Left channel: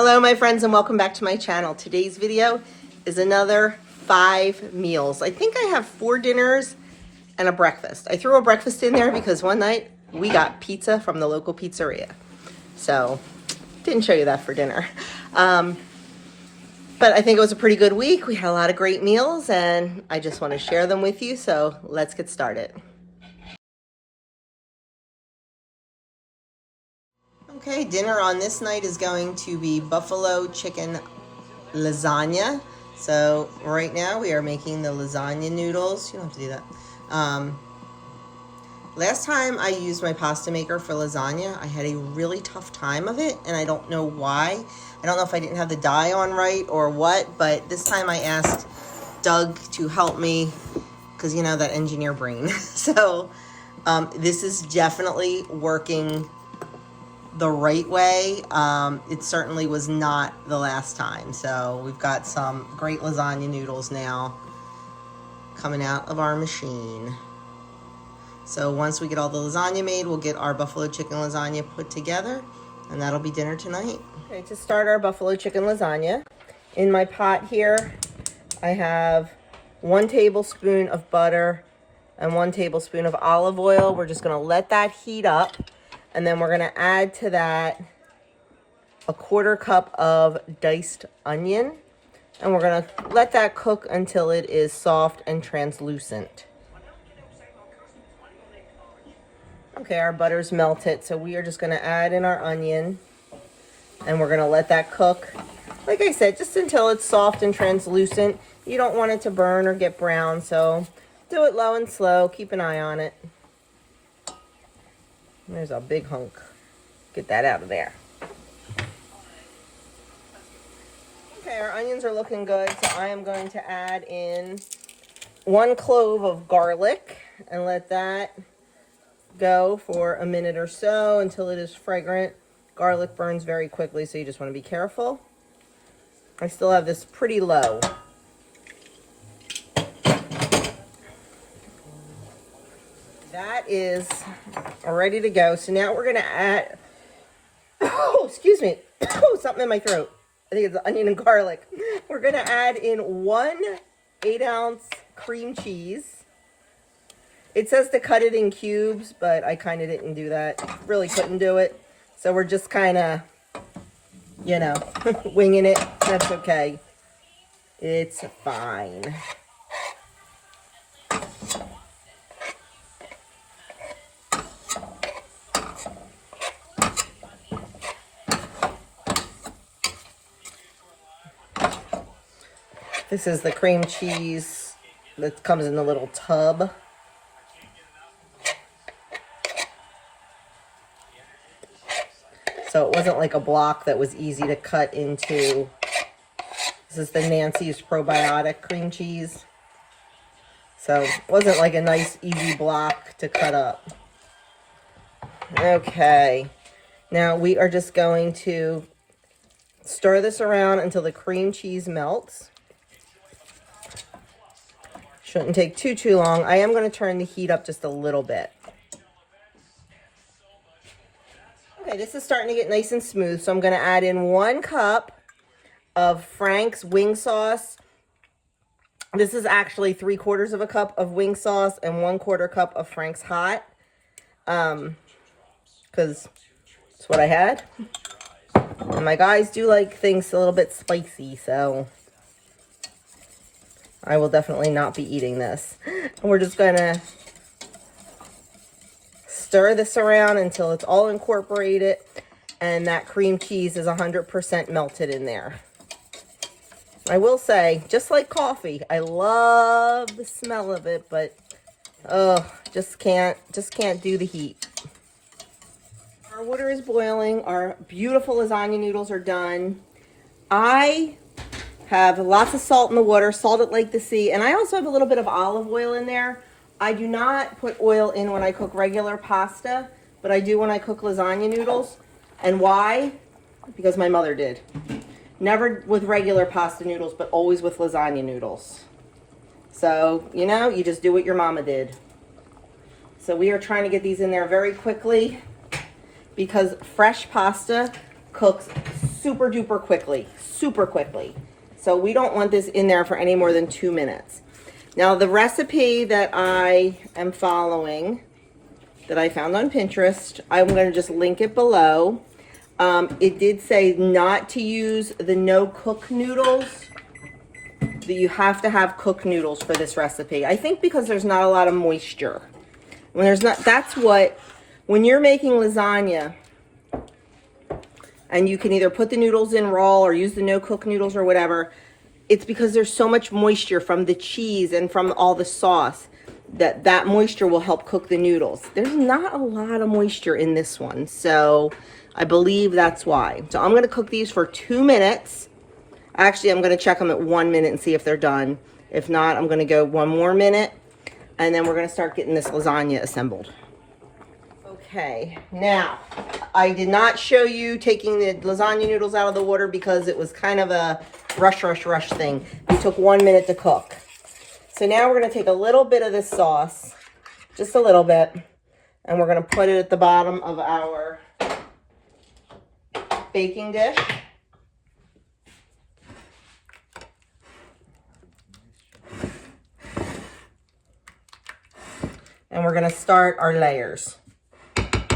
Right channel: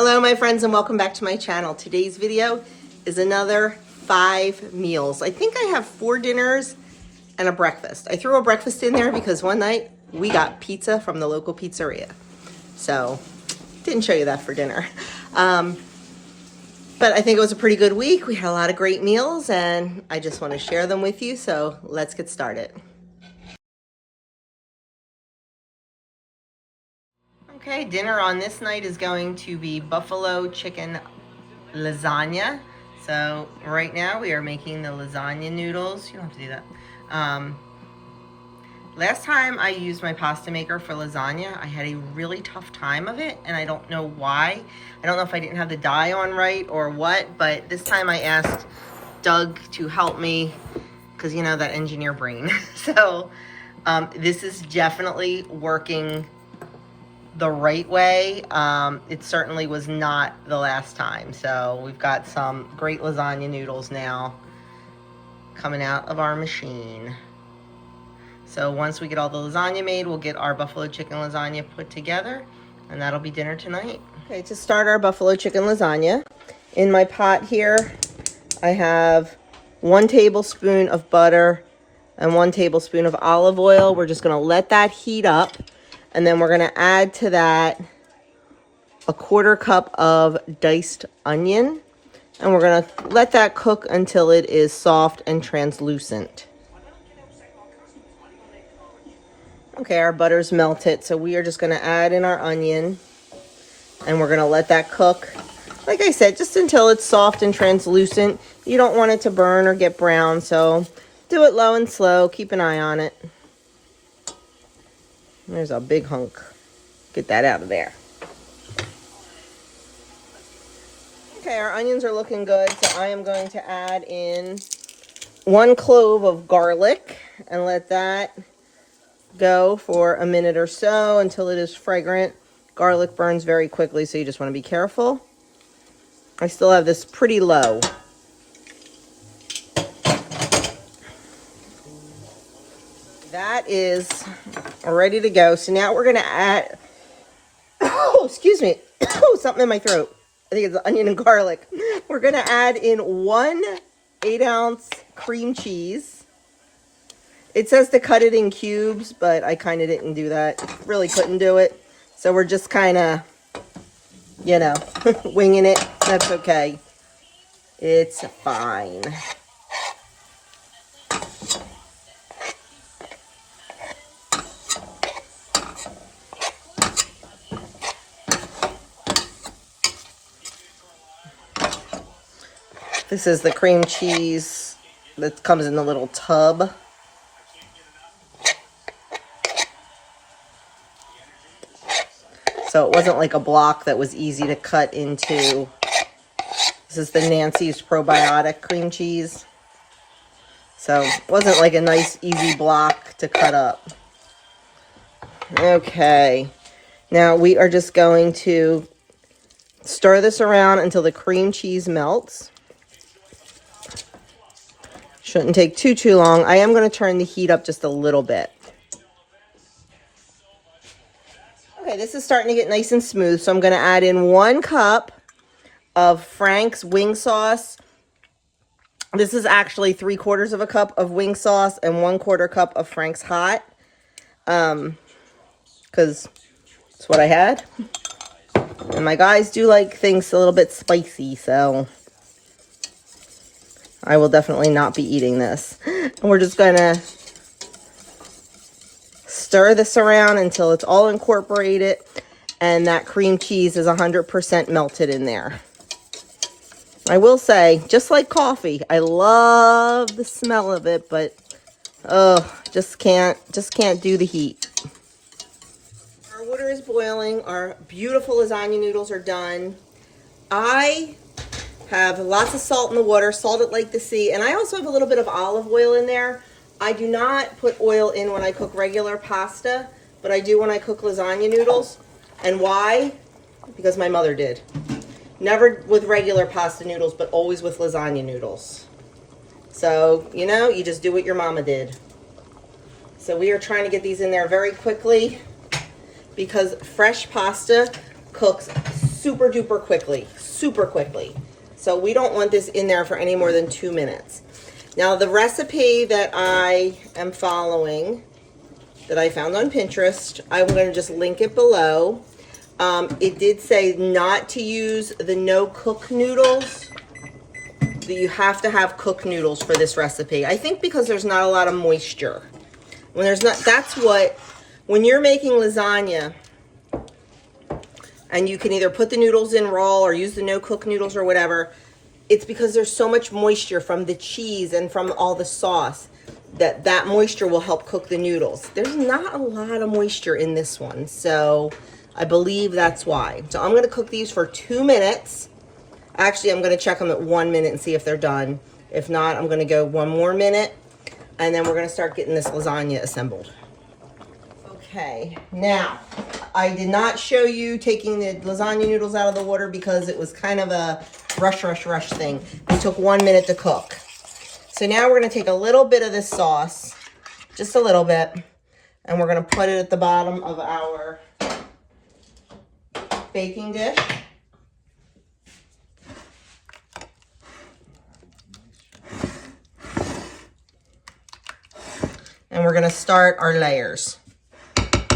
Hello my friends and welcome back to my channel. Today's video is another 5 meals. I think I have 4 dinners and a breakfast. I threw a breakfast in there because one night we got pizza from the local pizzeria. So didn't show you that for dinner. But I think it was a pretty good week. We had a lot of great meals and I just want to share them with you. So let's get started. Okay, dinner on this night is going to be buffalo chicken lasagna. So right now we are making the lasagna noodles. You don't have to do that. Last time I used my pasta maker for lasagna, I had a really tough time of it, and I don't know why. I don't know if I didn't have the dye on right or what, but this time I asked Doug to help me because, you know, that engineer brain. So this is definitely working the right way. It certainly was not the last time. So we've got some great lasagna noodles now coming out of our machine. So once we get all the lasagna made, we'll get our buffalo chicken lasagna put together, and that'll be dinner tonight. Okay, to start our buffalo chicken lasagna, in my pot here, I have 1 tablespoon of butter and 1 tablespoon of olive oil. We're just gonna let that heat up. And then we're gonna add to that a 1/4 cup of diced onion. And we're gonna let that cook until it is soft and translucent. Okay, our butter's melted, so we are just gonna add in our onion. And we're gonna let that cook, like I said, just until it's soft and translucent. You don't want it to burn or get brown, so do it low and slow, keep an eye on it. There's a big hunk. Get that out of there. Okay, our onions are looking good, so I am going to add in 1 clove of garlic and let that go for a minute or so until it is fragrant. Garlic burns very quickly, so you just want to be careful. I still have this pretty low. That is ready to go. So now we're going to add, oh, excuse me, something in my throat. I think it's onion and garlic. We're going to add in 1 8-ounce cream cheese. It says to cut it in cubes, but I kind of didn't do that. Really couldn't do it. So we're just kind of, you know, winging it. That's okay. It's fine. This is the cream cheese that comes in the little tub. So it wasn't like a block that was easy to cut into. This is the Nancy's probiotic cream cheese. So it wasn't like a nice easy block to cut up. Okay. Now we are just going to stir this around until the cream cheese melts. Shouldn't take too long. I am going to turn the heat up just a little bit. Okay, this is starting to get nice and smooth, so I'm going to add in 1 cup of Frank's wing sauce. This is actually 3/4 of a cup of wing sauce and 1/4 cup of Frank's hot, because it's what I had. And my guys do like things a little bit spicy, so I will definitely not be eating this. And we're just gonna stir this around until it's all incorporated and that cream cheese is 100% melted in there. I will say, just like coffee, I love the smell of it, but just can't do the heat. Our water is boiling. Our beautiful lasagna noodles are done. I have lots of salt in the water, salt it like the sea, and I also have a little bit of olive oil in there. I do not put oil in when I cook regular pasta, but I do when I cook lasagna noodles. And why? Because my mother did. Never with regular pasta noodles, but always with lasagna noodles. So, you know, you just do what your mama did. So we are trying to get these in there very quickly because fresh pasta cooks super duper quickly, super quickly. So we don't want this in there for any more than 2 minutes. Now the recipe that I am following, that I found on Pinterest, I'm going to just link it below. It did say not to use the no cook noodles, that you have to have cooked noodles for this recipe. I think because there's not a lot of moisture. When there's not, that's what, when you're making lasagna, and you can either put the noodles in raw or use the no cook noodles or whatever, it's because there's so much moisture from the cheese and from all the sauce that moisture will help cook the noodles. There's not a lot of moisture in this one, so I believe that's why. So I'm gonna cook these for 2 minutes. Actually, I'm gonna check them at 1 minute and see if they're done. If not, I'm gonna go 1 more minute, and then we're gonna start getting this lasagna assembled. Okay, now, I did not show you taking the lasagna noodles out of the water because it was kind of a rush thing. It took 1 minute to cook. So now we're gonna take a little bit of this sauce, just a little bit, and we're gonna put it at the bottom of our baking dish. And we're gonna start our layers.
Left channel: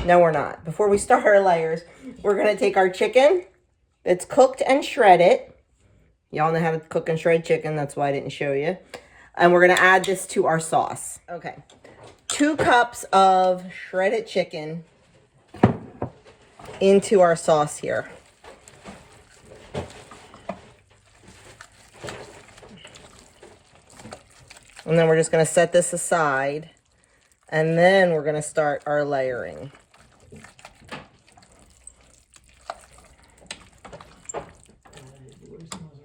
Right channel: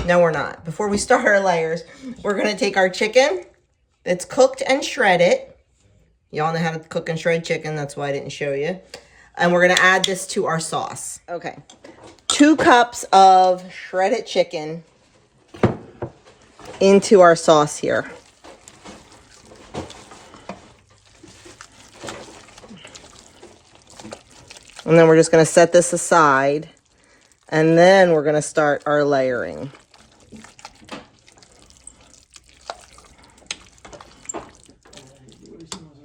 No, we're not. Before we start our layers, we're gonna take our chicken that's cooked and shredded. Y'all know how to cook and shred chicken, that's why I didn't show you. And we're gonna add this to our sauce. Okay, 2 cups of shredded chicken into our sauce here. And then we're just gonna set this aside, and then we're gonna start our layering.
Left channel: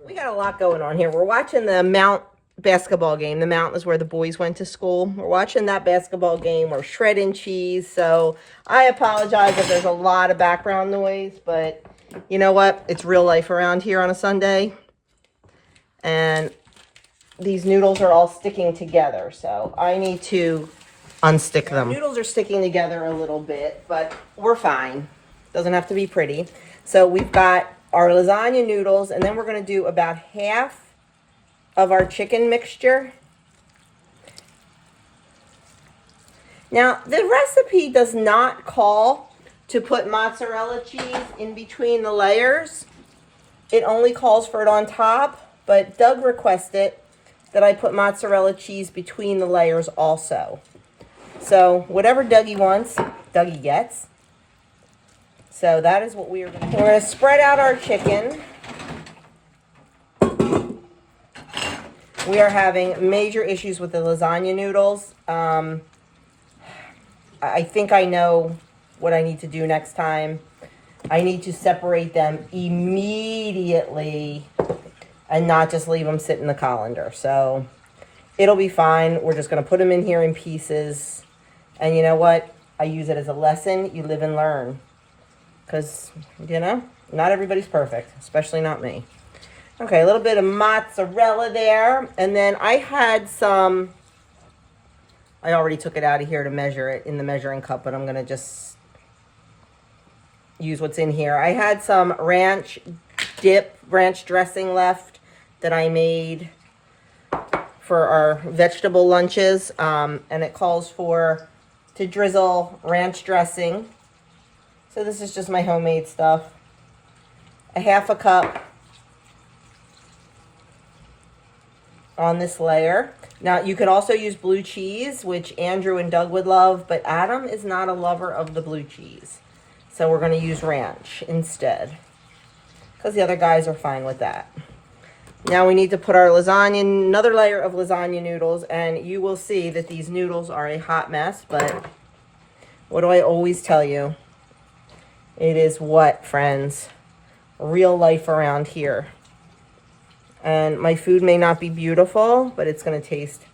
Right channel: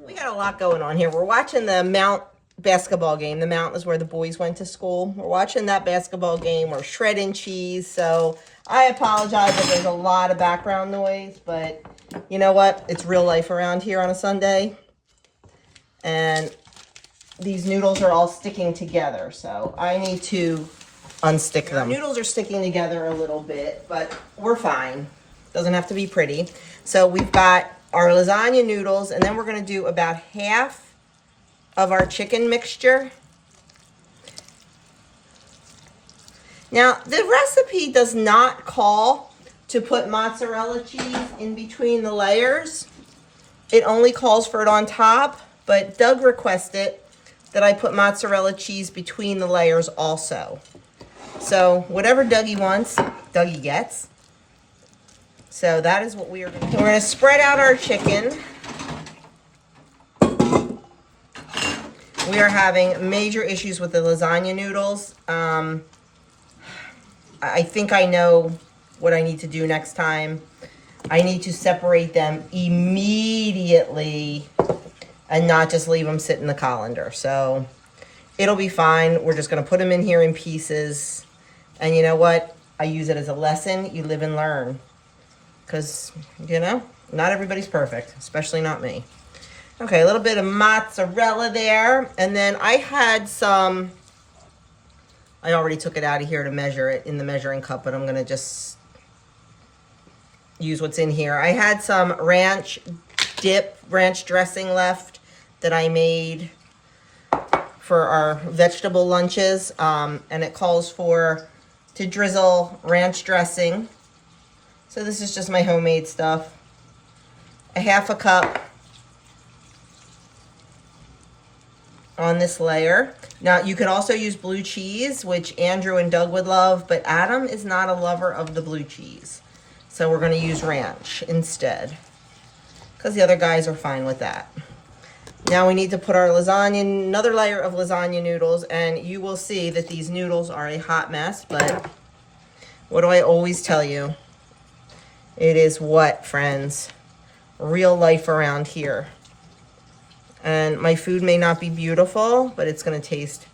We got a lot going on here. We're watching the Mount basketball game. The Mount is where the boys went to school. We're watching that basketball game. We're shredding cheese. So I apologize if there's a lot of background noise, but you know what? It's real life around here on a Sunday. And these noodles are all sticking together. So I need to unstick them. Noodles are sticking together a little bit, but we're fine. Doesn't have to be pretty. So we've got our lasagna noodles, and then we're going to do about half of our chicken mixture. Now, the recipe does not call to put mozzarella cheese in between the layers. It only calls for it on top, but Doug requested that I put mozzarella cheese between the layers also. So whatever Dougie wants, Dougie gets. So that is what we are going to do. We're going to spread out our chicken. We are having major issues with the lasagna noodles. I think I know what I need to do next time. I need to separate them immediately and not just leave them sit in the colander. So it'll be fine. We're just going to put them in here in pieces. And you know what? I use it as a lesson. You live and learn. Because, you know, not everybody's perfect, especially not me. Okay, a little bit of mozzarella there. And then I had some, I already took it out of here to measure it in the measuring cup, but I'm going to just use what's in here. I had some ranch dressing left that I made for our vegetable lunches. And it calls for to drizzle ranch dressing. So this is just my homemade stuff. A half a cup on this layer. Now you could also use blue cheese, which Andrew and Doug would love, but Adam is not a lover of the blue cheese. So we're going to use ranch instead, because the other guys are fine with that. Now we need to put our lasagna, another layer of lasagna noodles, and you will see that these noodles are a hot mess, but what do I always tell you? It is what, friends? Real life around here. And my food may not be beautiful, but it's going to taste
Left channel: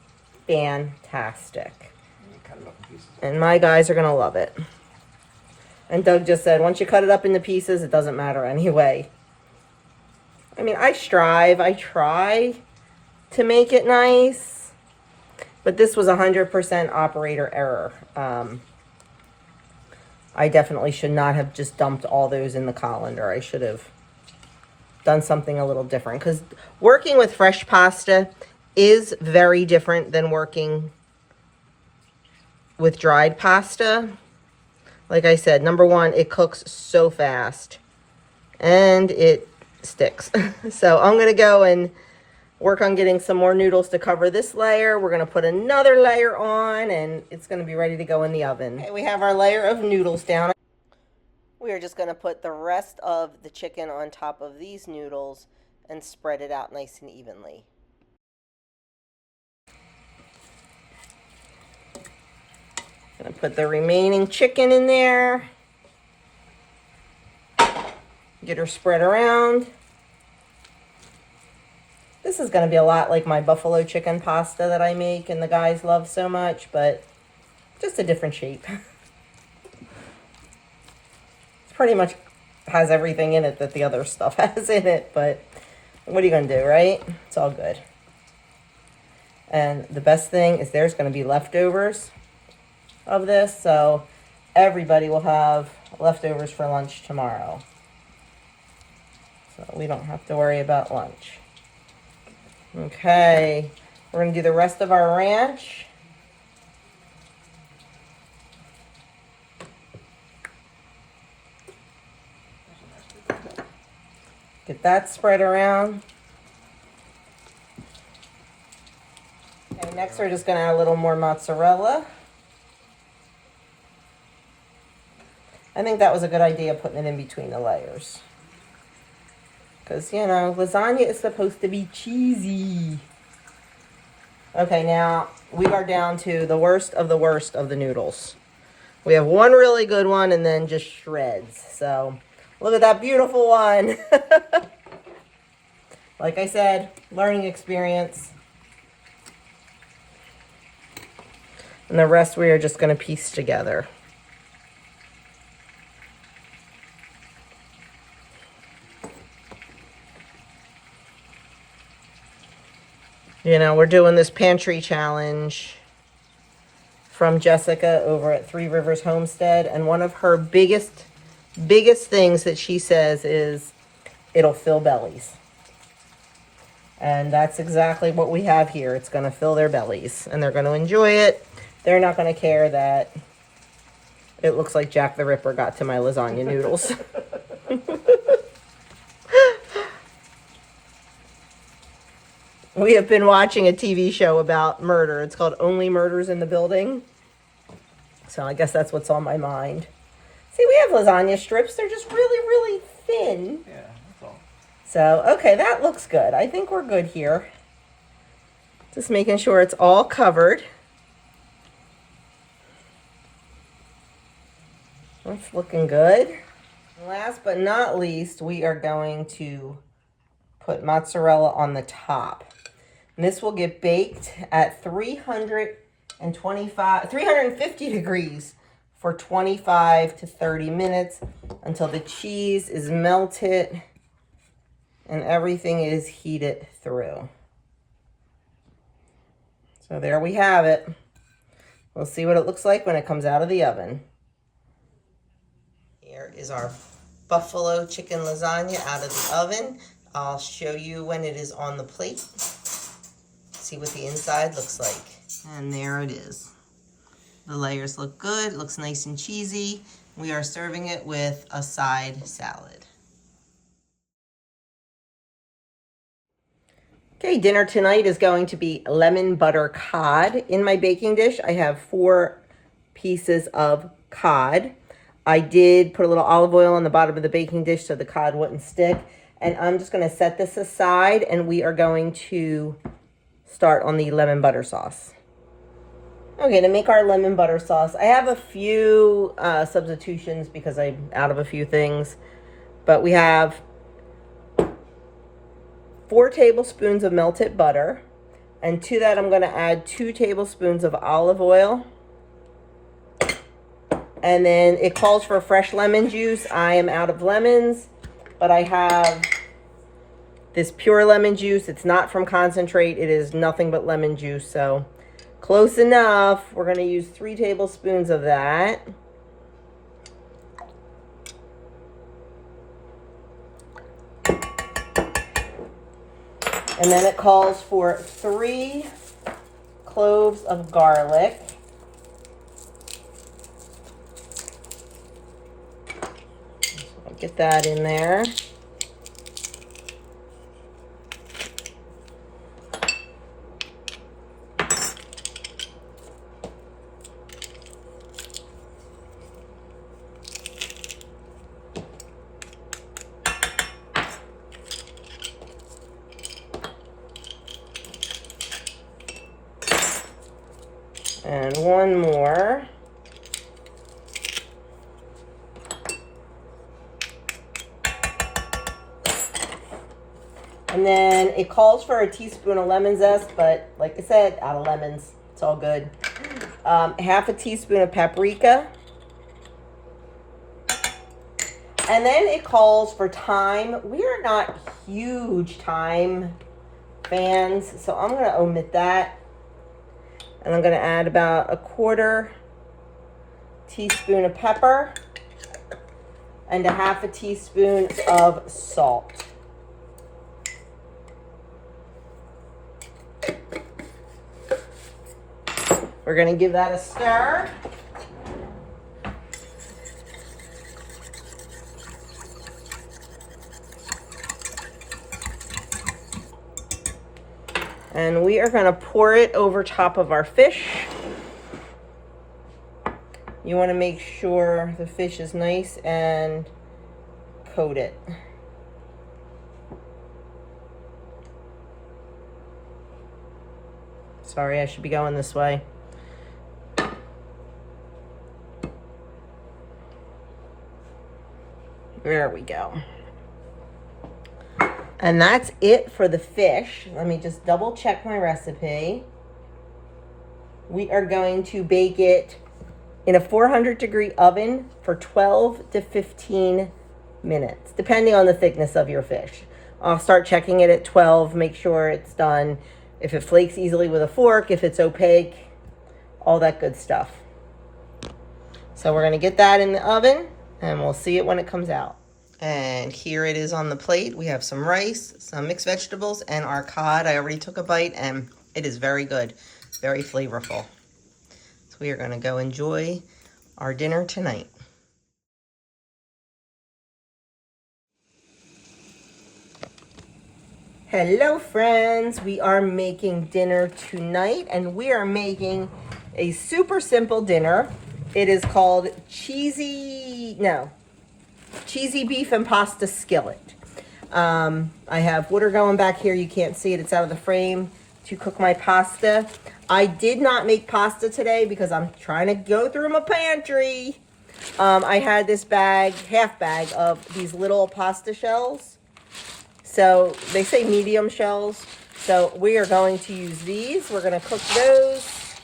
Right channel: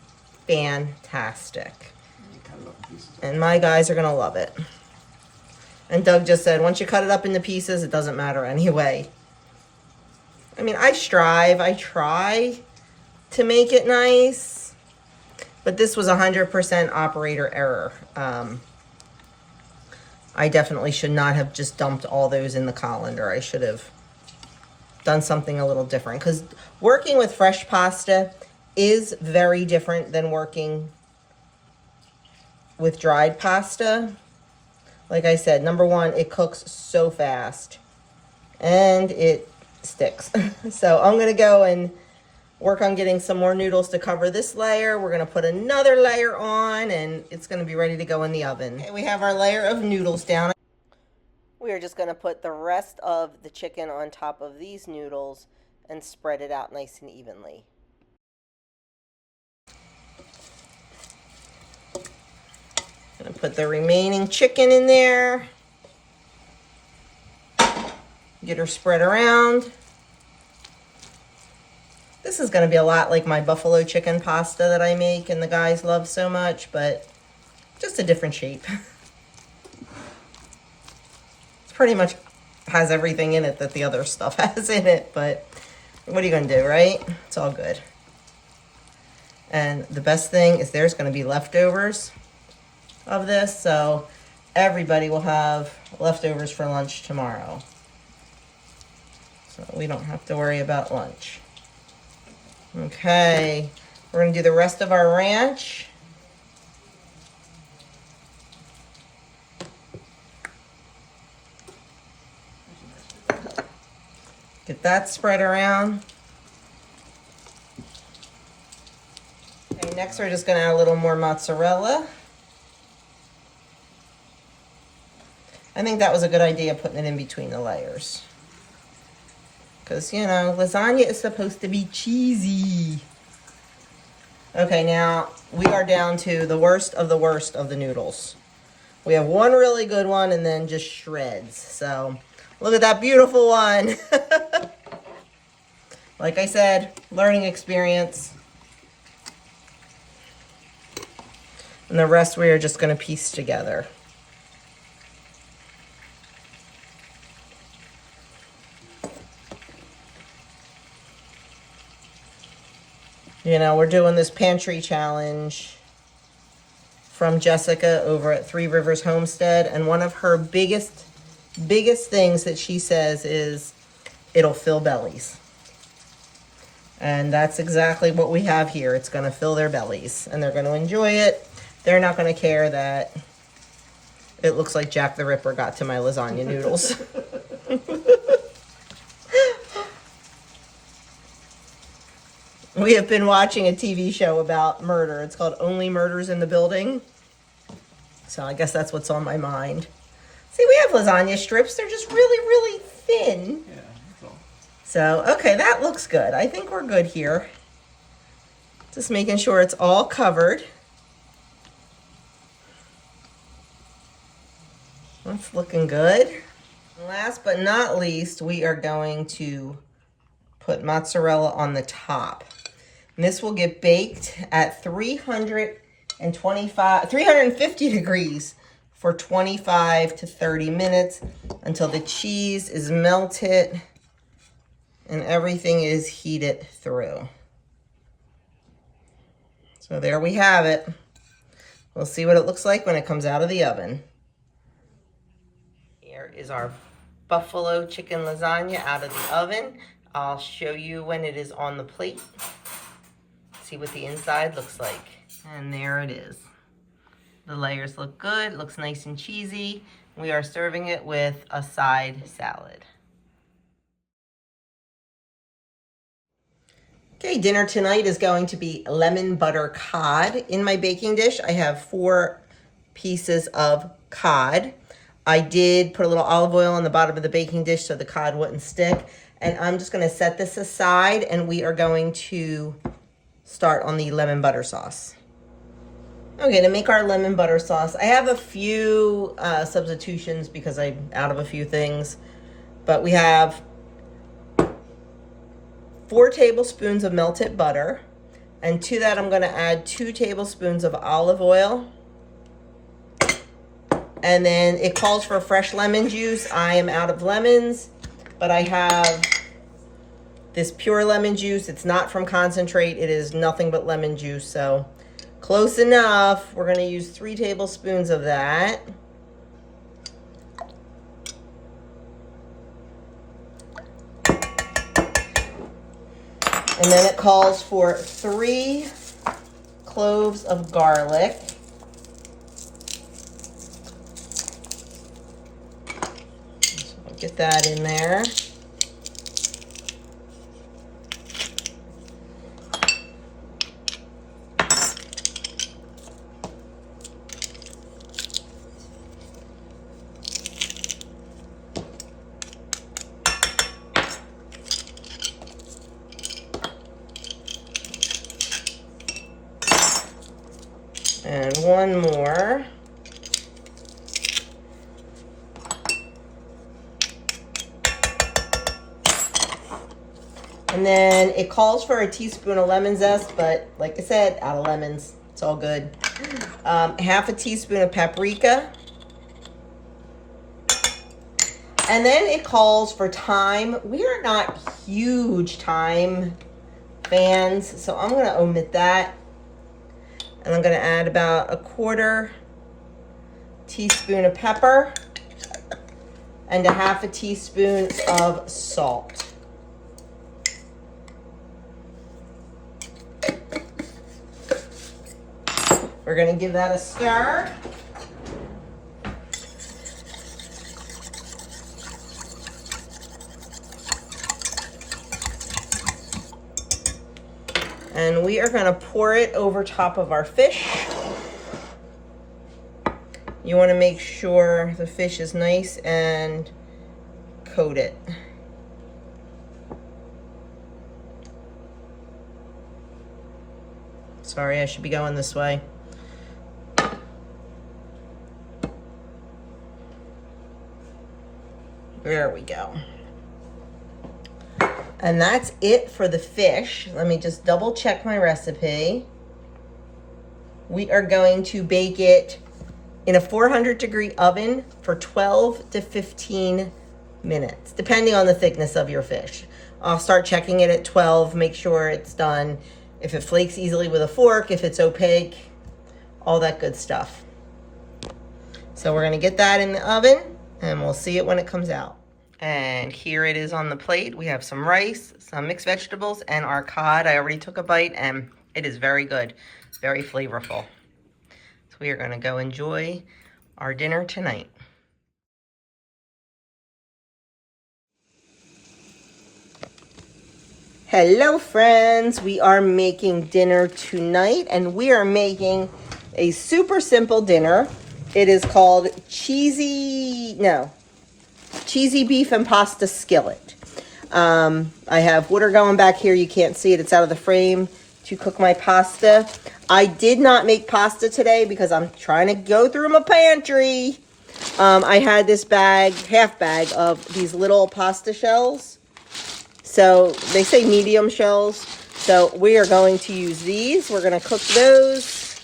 fantastic. And my guys are going to love it. And Doug just said, once you cut it up into pieces, it doesn't matter anyway. I mean, I try to make it nice, but this was 100% operator error. I definitely should not have just dumped all those in the colander. I should have done something a little different, because working with fresh pasta is very different than working with dried pasta. Like I said, number one, it cooks so fast and it sticks. So I'm gonna go and work on getting some more noodles to cover this layer. We're gonna put another layer on and it's gonna be ready to go in the oven. Okay, we have our layer of noodles down. We are just gonna put the rest of the chicken on top of these noodles and spread it out nice and evenly. I'm gonna put the remaining chicken in there. Get her spread around. This is gonna be a lot like my buffalo chicken pasta that I make and the guys love so much, but just a different shape. It's pretty much has everything in it that the other stuff has in it, but what are you gonna do, right? It's all good. And the best thing is there's gonna be leftovers of this, so everybody will have leftovers for lunch tomorrow. So we don't have to worry about lunch. Okay, we're gonna do the rest of our ranch. Get that spread around. Okay, next we're just gonna add a little more mozzarella. I think that was a good idea, putting it in between the layers. Because, you know, lasagna is supposed to be cheesy. Okay, now we are down to the worst of the noodles. We have one really good one and then just shreds. So, look at that beautiful one. Like I said, learning experience. And the rest we are just going to piece together. You know, we're doing this pantry challenge from Jessica over at Three Rivers Homestead. And one of her biggest things that she says is it'll fill bellies. And that's exactly what we have here. It's going to fill their bellies and they're going to enjoy it. They're not going to care that it looks like Jack the Ripper got to my lasagna noodles. We have been watching a TV show about murder. It's called Only Murders in the Building. So I guess that's what's on my mind. See, we have lasagna strips. They're just really, really thin. Yeah, that's all. So, okay, that looks good. I think we're good here. Just making sure it's all covered. That's looking good. Last but not least, we are going to put mozzarella on the top. And this will get baked at 350 degrees for 25 to 30 minutes until the cheese is melted and everything is heated through. So there we have it. We'll see what it looks like when it comes out of the oven. Here is our buffalo chicken lasagna out of the oven. I'll show you when it is on the plate. See what the inside looks like. And there it is. The layers look good, looks nice and cheesy. We are serving it with a side salad. Okay, dinner tonight is going to be lemon butter cod. In my baking dish, I have 4 pieces of cod. I did put a little olive oil on the bottom of the baking dish so the cod wouldn't stick. And I'm just going to set this aside and we are going to start on the lemon butter sauce. Okay, to make our lemon butter sauce, I have a few substitutions because I'm out of a few things. But we have 4 tablespoons of melted butter. And to that, I'm going to add 2 tablespoons of olive oil. And then it calls for fresh lemon juice. I am out of lemons, but I have this pure lemon juice. It's not from concentrate. It is nothing but lemon juice. So close enough. We're going to use 3 tablespoons of that. And then it calls for 3 cloves of garlic. So I'll get that in there. And 1 more. And then it calls for a teaspoon of lemon zest, but like I said, out of lemons, it's all good. Half a teaspoon of paprika. And then it calls for thyme. We are not huge thyme fans, so I'm going to omit that. And I'm going to add about a 1/4 teaspoon of pepper and a 1/2 teaspoon of salt. We're going to give that a stir. And we are going to pour it over top of our fish. You want to make sure the fish is nice and coated. Sorry, I should be going this way. There we go. And that's it for the fish. Let me just double check my recipe. We are going to bake it in a 400-degree oven for 12 to 15 minutes, depending on the thickness of your fish. I'll start checking it at 12, make sure it's done. If it flakes easily with a fork, if it's opaque, all that good stuff. So we're gonna get that in the oven and we'll see it when it comes out. And here it is on the plate. We have some rice, some mixed vegetables, and our cod. I already took a bite, and it is very good, very flavorful. So we are going to go enjoy our dinner tonight. Hello, friends. We are making dinner tonight, and we are making a super simple dinner. It is called cheesy beef and pasta skillet. I have water going back here. You can't see it. It's out of the frame to cook my pasta. I did not make pasta today because I'm trying to go through my pantry. I had this bag, half bag of these little pasta shells. So they say medium shells. So we are going to use these. We're going to cook those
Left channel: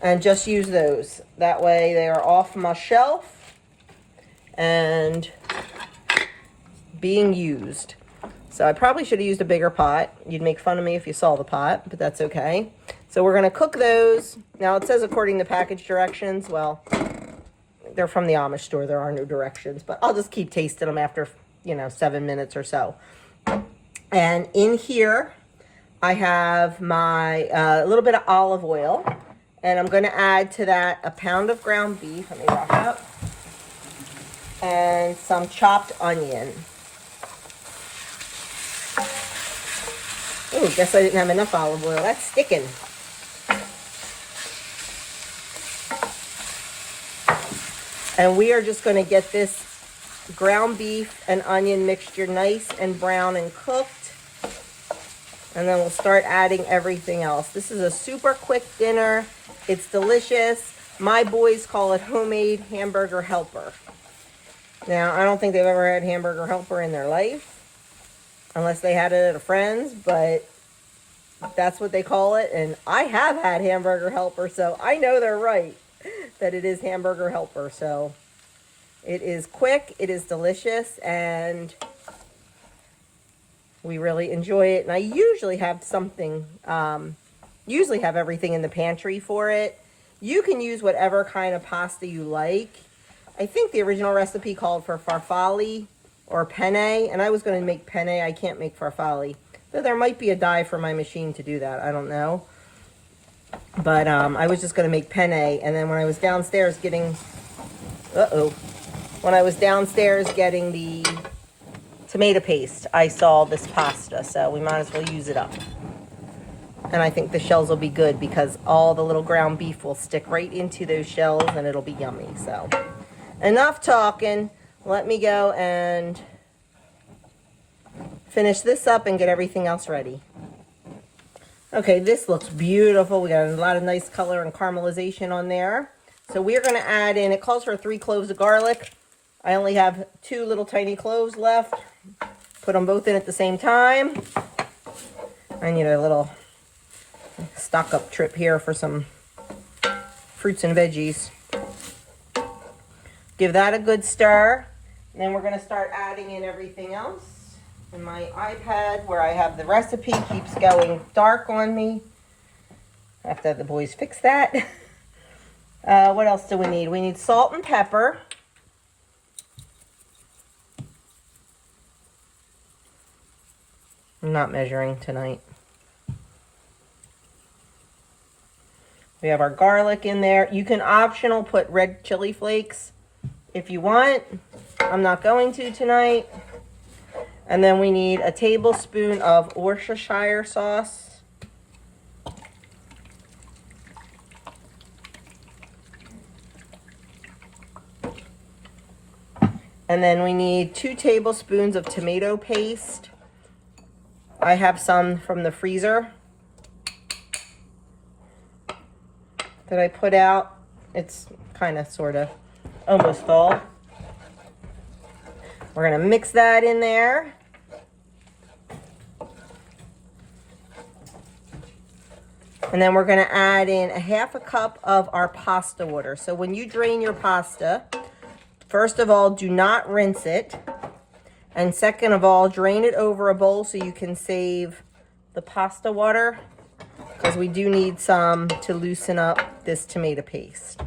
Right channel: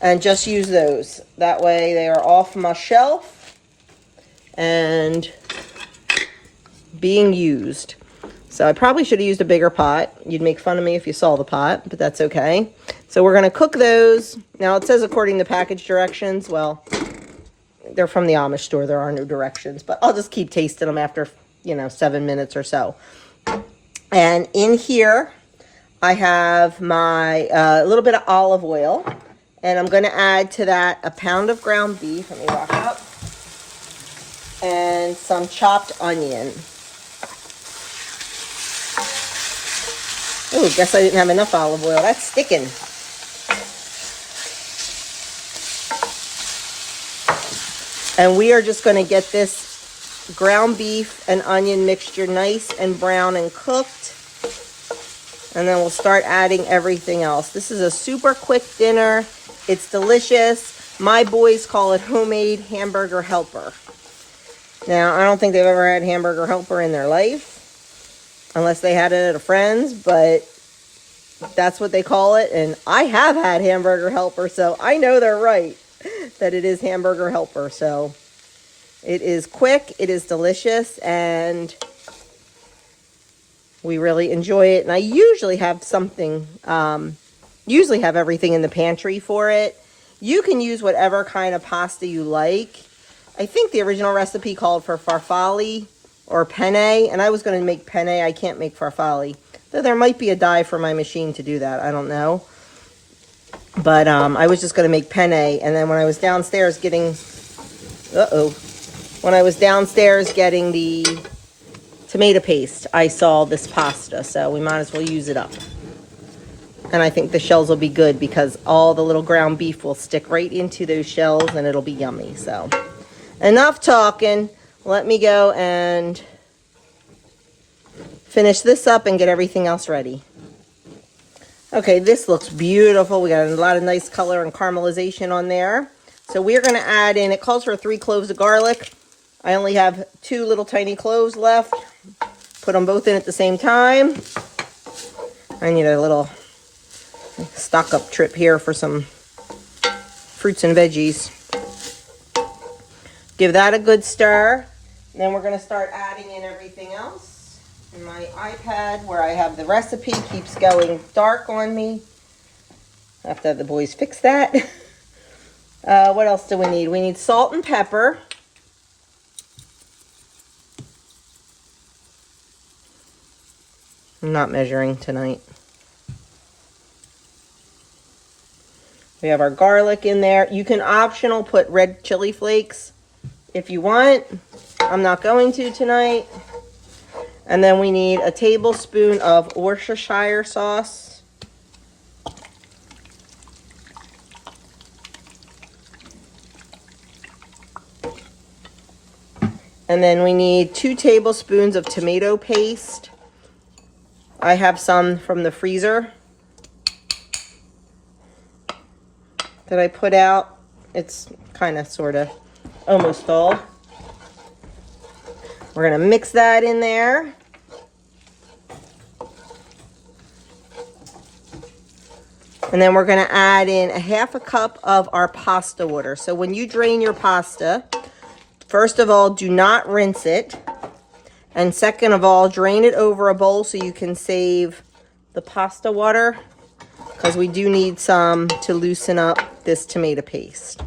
and just use those. That way they are off my shelf and being used. So I probably should have used a bigger pot. You'd make fun of me if you saw the pot, but that's okay. So we're gonna cook those. Now it says according to package directions. Well, they're from the Amish store. There are no directions, but I'll just keep tasting them after, 7 minutes or so. And in here, I have my little bit of olive oil, and I'm gonna add to that a pound of ground beef. Let me rock it up. And some chopped onion. Oh, guess I didn't have enough olive oil. That's sticking. And we are just going to get this ground beef and onion mixture nice and brown and cooked. And then we'll start adding everything else. This is a super quick dinner. It's delicious. My boys call it homemade hamburger helper. Now, I don't think they've ever had hamburger helper in their life, unless they had it at a friend's, but that's what they call it. And I have had hamburger helper, so I know they're right, that it is hamburger helper. So it is quick, it is delicious, and we really enjoy it. And I usually have something, usually have everything in the pantry for it. You can use whatever kind of pasta you like. I think the original recipe called for farfalle or penne, and I was going to make penne. I can't make farfalle. Though there might be a die for my machine to do that. I don't know. But I was just going to make penne. And then when I was downstairs getting... When I was downstairs getting the tomato paste, I saw this pasta. So we might as well use it up. And I think the shells will be good because all the little ground beef will stick right into those shells and it'll be yummy. So enough talking. Let me go and finish this up and get everything else ready. Okay, this looks beautiful. We got a lot of nice color and caramelization on there. So we're going to add in, it calls for 3 cloves of garlic. I only have 2 little tiny cloves left. Put them both in at the same time. I need a little stock up trip here for some fruits and veggies. Give that a good stir. Then we're going to start adding in everything else. And my iPad where I have the recipe keeps going dark on me. I have to have the boys fix that. What else do we need? We need salt and pepper. I'm not measuring tonight. We have our garlic in there. You can optional put red chili flakes if you want. I'm not going to tonight. And then we need a tablespoon of Worcestershire sauce. And then we need 2 tablespoons of tomato paste. I have some from the freezer that I put out. It's kind of, sort of, almost all. We're gonna mix that in there. And then we're gonna add in a 1/2 cup of our pasta water. So when you drain your pasta, first of all, do not rinse it. And second of all, drain it over a bowl so you can save the pasta water, because we do need some to loosen up this tomato paste.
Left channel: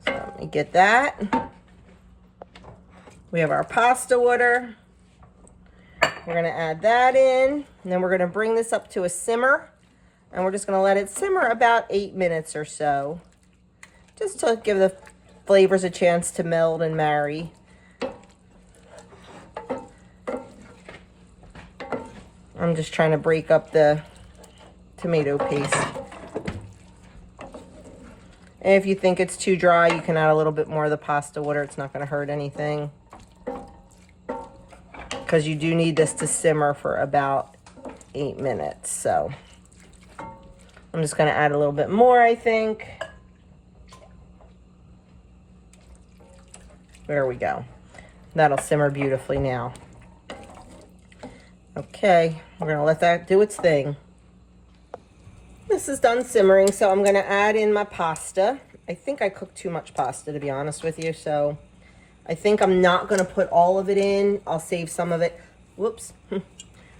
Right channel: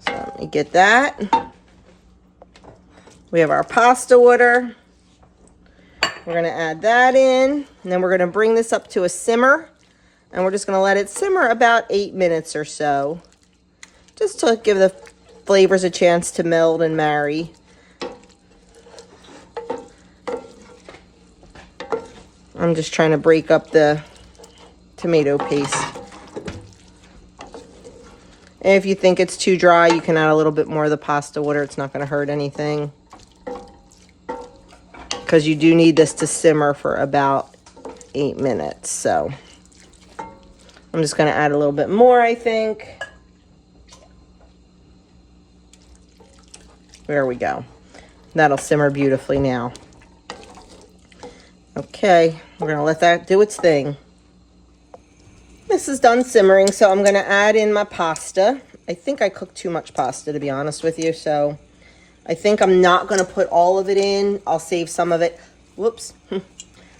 So let me get that. We have our pasta water. We're gonna add that in, and then we're gonna bring this up to a simmer, and we're just gonna let it simmer about 8 minutes or so, just to give the flavors a chance to meld and marry. I'm just trying to break up the tomato paste. And if you think it's too dry, you can add a little bit more of the pasta water. It's not going to hurt anything, because you do need this to simmer for about 8 minutes. So I'm just going to add a little bit more, I think. There we go. That'll simmer beautifully now. Okay, we're going to let that do its thing. This is done simmering, so I'm going to add in my pasta. I think I cooked too much pasta, to be honest with you, so I think I'm not going to put all of it in. I'll save some of it. Whoops.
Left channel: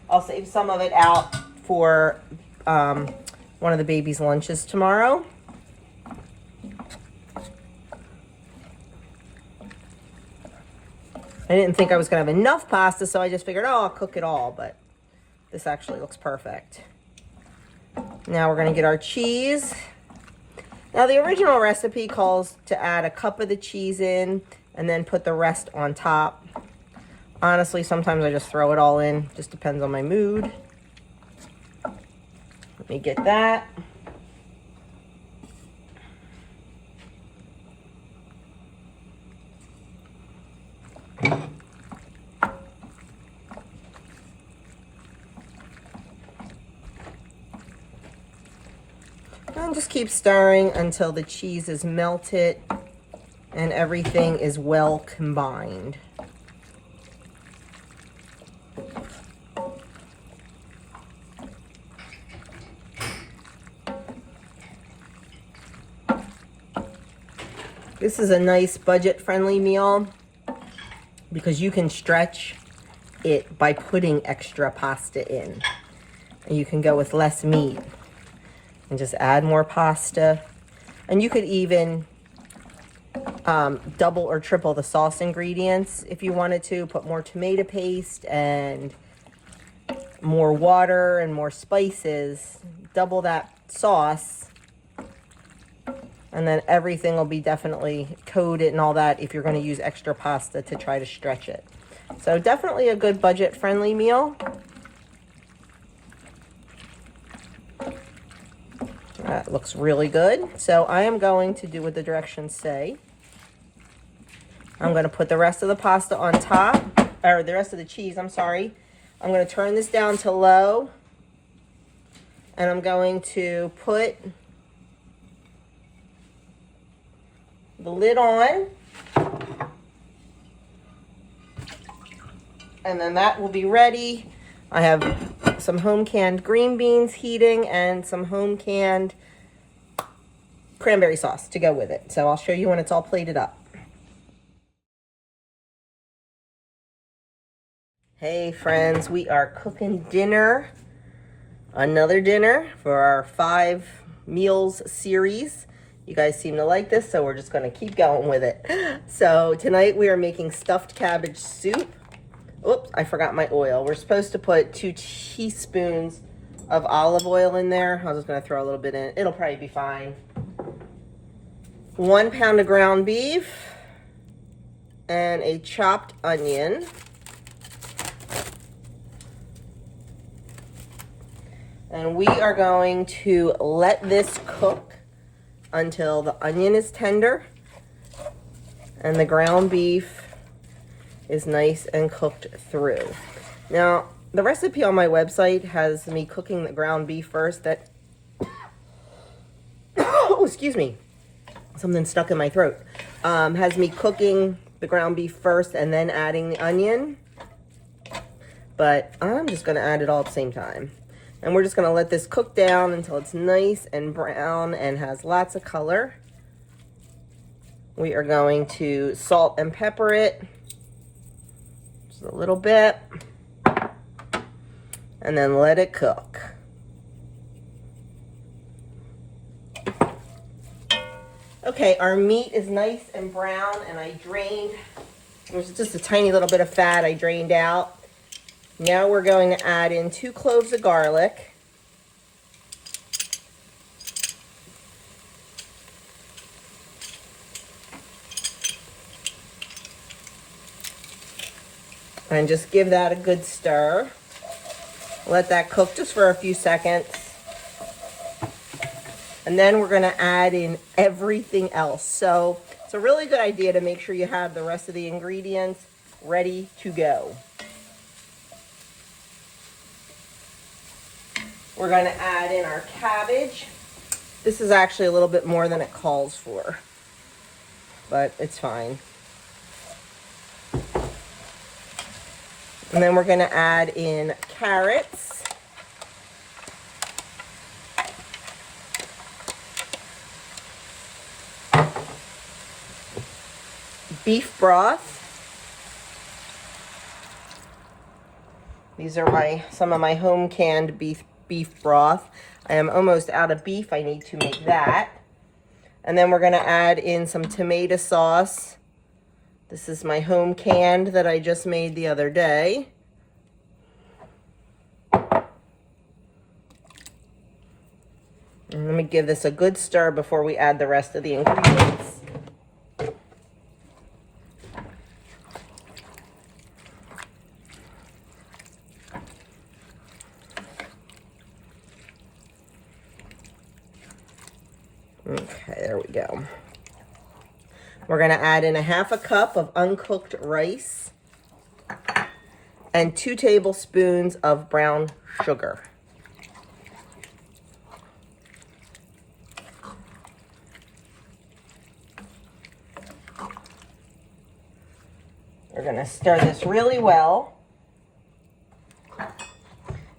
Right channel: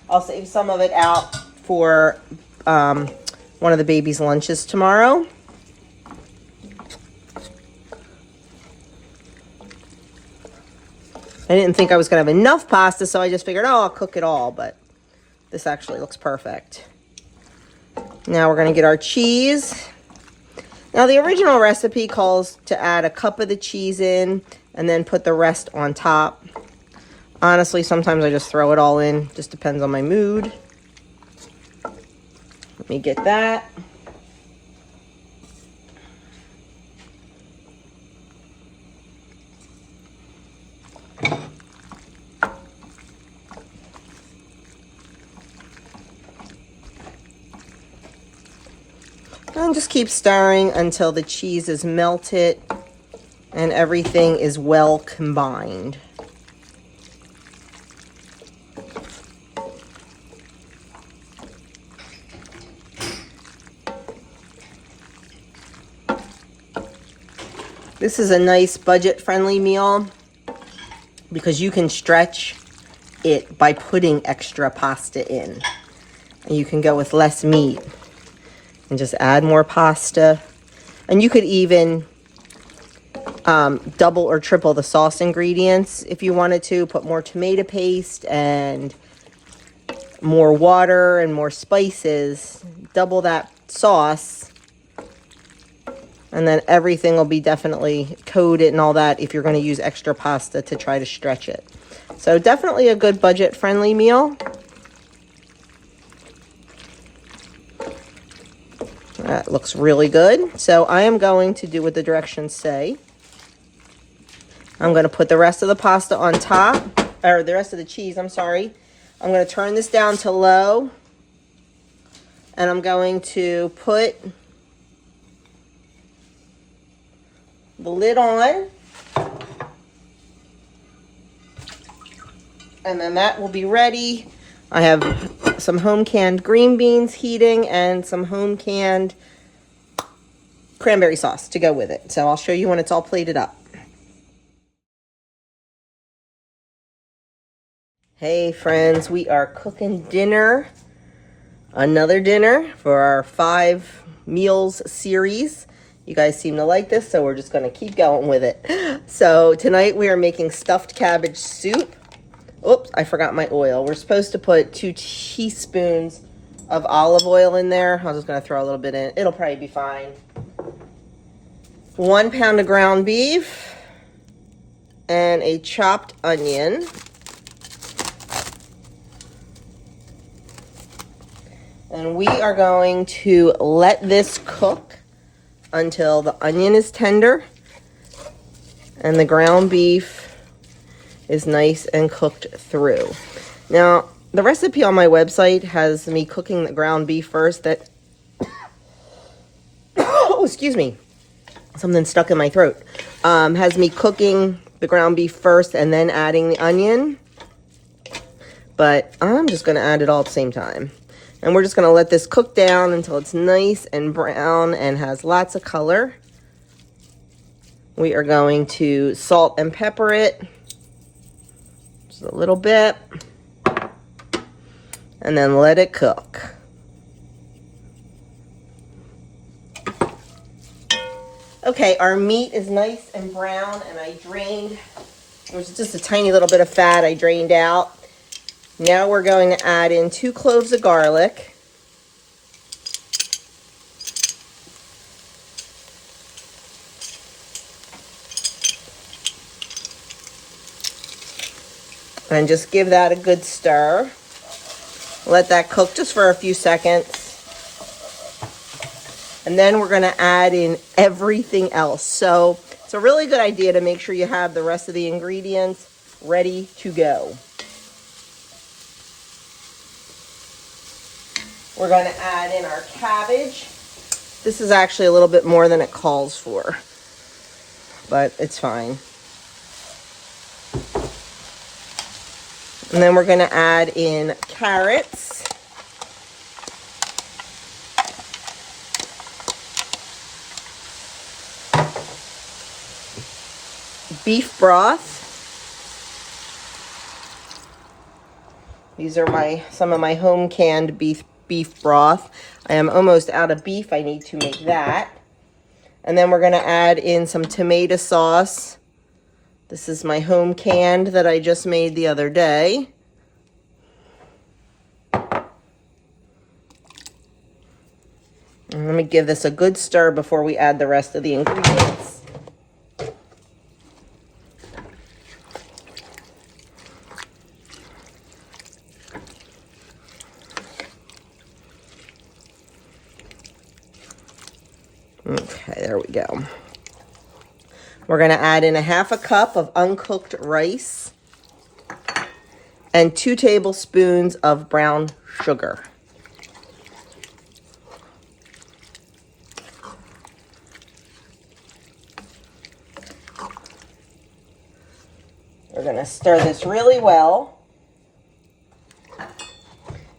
I'll save some of it out for one of the baby's lunches tomorrow. I didn't think I was going to have enough pasta, so I just figured, oh, I'll cook it all, but this actually looks perfect. Now we're going to get our cheese. Now the original recipe calls to add a cup of the cheese in and then put the rest on top. Honestly, sometimes I just throw it all in. Just depends on my mood. Let me get that. And just keep stirring until the cheese is melted and everything is well combined. This is a nice budget-friendly meal because you can stretch it by putting extra pasta in. And you can go with less meat and just add more pasta. And you could even double or triple the sauce ingredients if you wanted to. Put more tomato paste and more water and more spices, double that sauce, and then everything will be definitely coated and all that if you're going to use extra pasta to try to stretch it. So definitely a good budget-friendly meal. That looks really good. So I am going to do what the directions say. I'm going to put the rest of the pasta on top, or the rest of the cheese, I'm sorry. I'm going to turn this down to low, and I'm going to put the lid on, and then that will be ready. I have some home canned green beans heating and some home canned cranberry sauce to go with it. So I'll show you when it's all plated up. Hey friends, we are cooking dinner, another dinner for our 5 meals series. You guys seem to like this, so we're just gonna keep going with it. So tonight we are making stuffed cabbage soup. Oops, I forgot my oil. We're supposed to put 2 teaspoons of olive oil in there. I'm just gonna throw a little bit in. It'll probably be fine. 1 pound of ground beef and a chopped onion. And we are going to let this cook until the onion is tender and the ground beef is nice and cooked through. Now, the recipe on my website has me cooking the ground beef first. That, oh, excuse me, something stuck in my throat. Has me cooking the ground beef first and then adding the onion. But I'm just gonna add it all at the same time. And we're just gonna let this cook down until it's nice and brown and has lots of color. We are going to salt and pepper it, just a little bit, and then let it cook. Okay, our meat is nice and brown, and I drained, it was just a tiny little bit of fat I drained out. Now we're going to add in 2 cloves of garlic. And just give that a good stir. Let that cook just for a few seconds. And then we're gonna add in everything else. So it's a really good idea to make sure you have the rest of the ingredients ready to go. We're gonna add in our cabbage. This is actually a little bit more than it calls for, but it's fine. And then we're gonna add in carrots. Beef broth. These are some of my home canned beef broth. I am almost out of beef. I need to make that. And then we're gonna add in some tomato sauce. This is my home canned that I just made the other day. And let me give this a good stir before we add the rest of the ingredients. Okay, there we go. We're gonna add in a 1/2 cup of uncooked rice and 2 tablespoons of brown sugar. We're gonna stir this really well.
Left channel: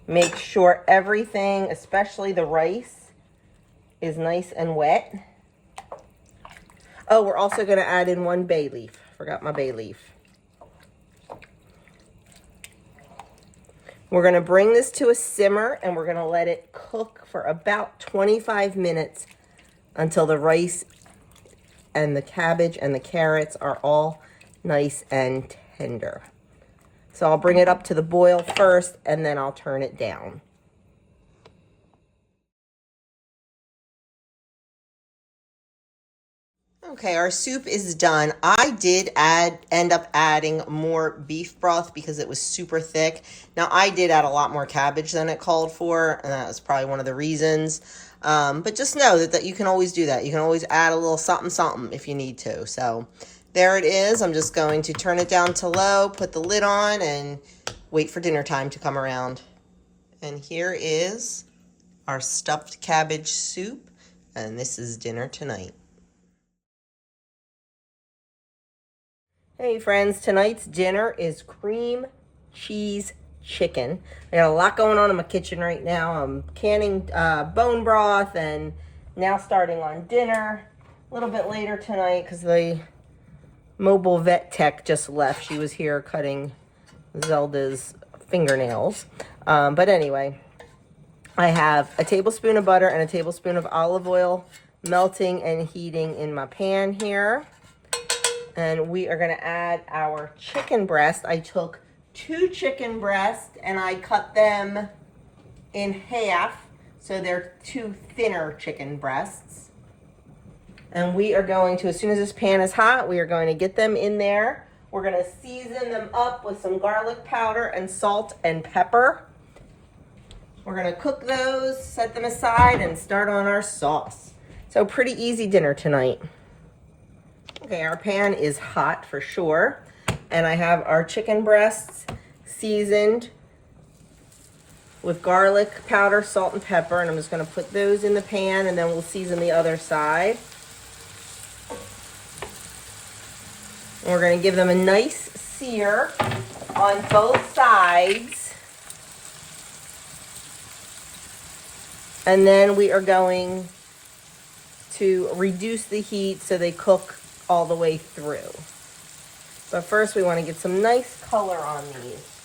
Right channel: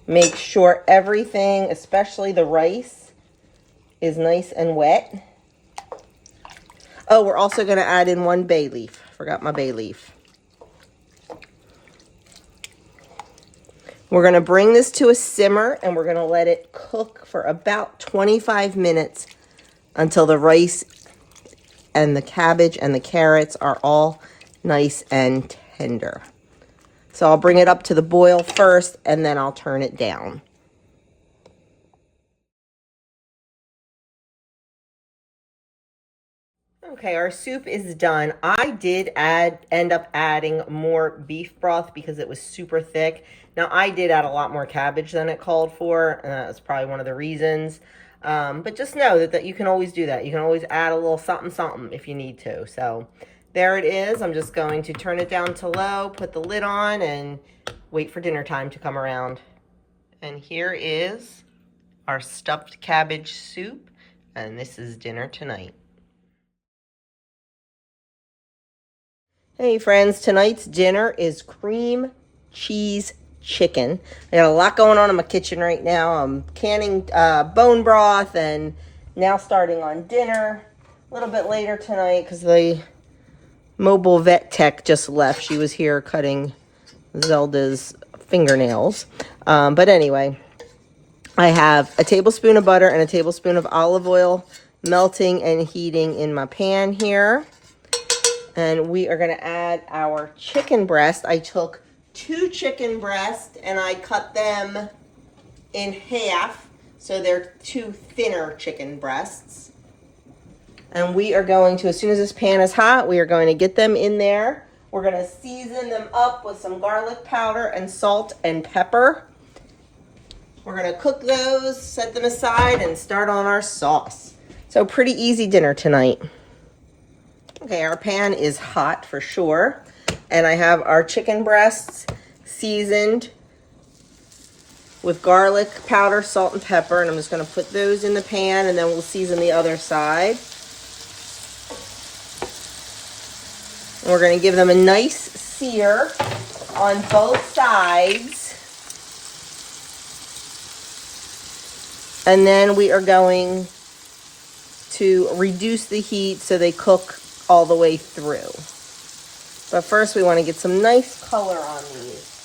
Make sure everything, especially the rice, is nice and wet. Oh, we're also gonna add in 1 bay leaf. Forgot my bay leaf. We're gonna bring this to a simmer and we're gonna let it cook for about 25 minutes until the rice and the cabbage and the carrots are all nice and tender. So I'll bring it up to the boil first and then I'll turn it down. Okay, our soup is done. I did end up adding more beef broth because it was super thick. Now, I did add a lot more cabbage than it called for, and that was probably one of the reasons. But just know that you can always do that. You can always add a little something, something if you need to. So there it is. I'm just going to turn it down to low, put the lid on, and wait for dinner time to come around. And here is our stuffed cabbage soup, and this is dinner tonight. Hey friends, tonight's dinner is cream cheese chicken. I got a lot going on in my kitchen right now. I'm canning bone broth and now starting on dinner a little bit later tonight because the mobile vet tech just left. She was here cutting Zelda's fingernails. But anyway, I have a tablespoon of butter and a tablespoon of olive oil melting and heating in my pan here. And we are going to add our chicken breast. I took 2 chicken breasts and I cut them in half. So they're 2 thinner chicken breasts. And we are going to, as soon as this pan is hot, we are going to get them in there. We're going to season them up with some garlic powder and salt and pepper. We're going to cook those, set them aside, and start on our sauce. So pretty easy dinner tonight. Okay, our pan is hot for sure, and I have our chicken breasts seasoned with garlic powder, salt, and pepper, and I'm just going to put those in the pan, and then we'll season the other side. And we're going to give them a nice sear on both sides, and then we are going to reduce the heat so they cook all the way through. But first we want to get some nice color on these.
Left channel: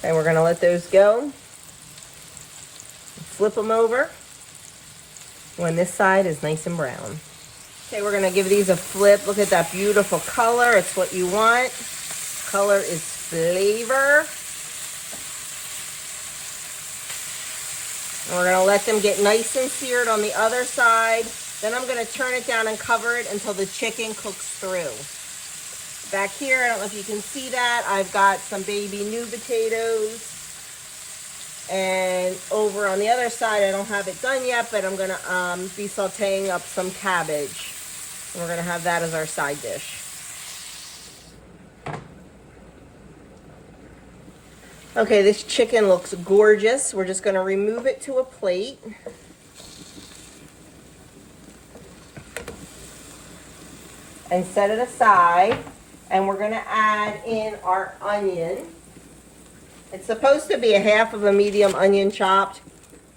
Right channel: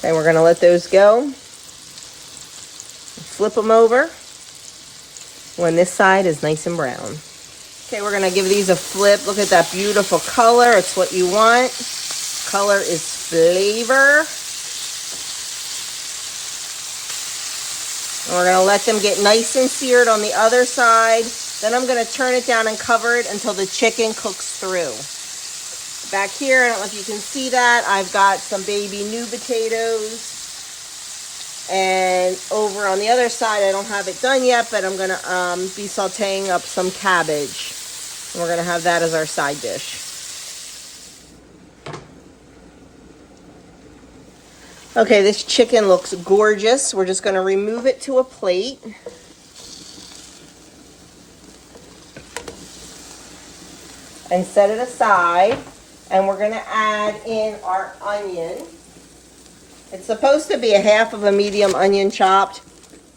Okay, we're going to let those go. Flip them over when this side is nice and brown. Okay, we're gonna give these a flip. Look at that beautiful color. It's what you want. Color is flavor. And we're gonna let them get nice and seared on the other side. Then I'm gonna turn it down and cover it until the chicken cooks through. Back here, I don't know if you can see that, I've got some baby new potatoes. And over on the other side, I don't have it done yet, but I'm gonna be sauteing up some cabbage. And we're gonna have that as our side dish. Okay, this chicken looks gorgeous. We're just gonna remove it to a plate. And set it aside. And we're gonna add in our onion. It's supposed to be a half of a medium onion chopped.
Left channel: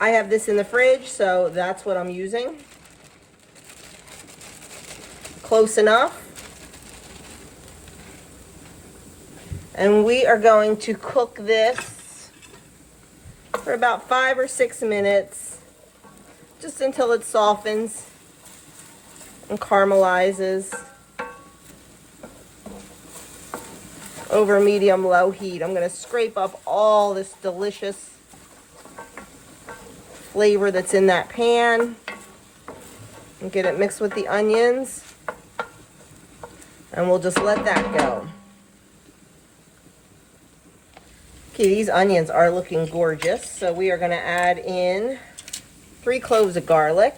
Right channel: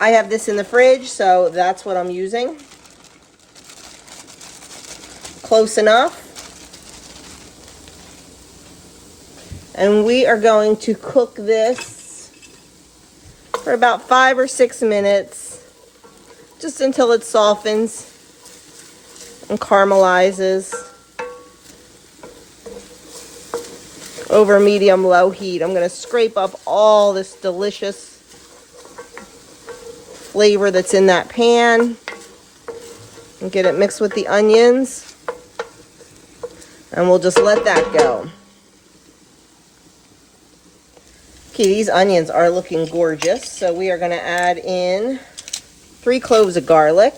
I have this in the fridge, so that's what I'm using. Close enough. And we are going to cook this for about 5 or 6 minutes, just until it softens and caramelizes. Over medium-low heat. I'm going to scrape up all this delicious flavor that's in that pan and get it mixed with the onions. And we'll just let that go. Okay, these onions are looking gorgeous. So we are going to add in 3 cloves of garlic.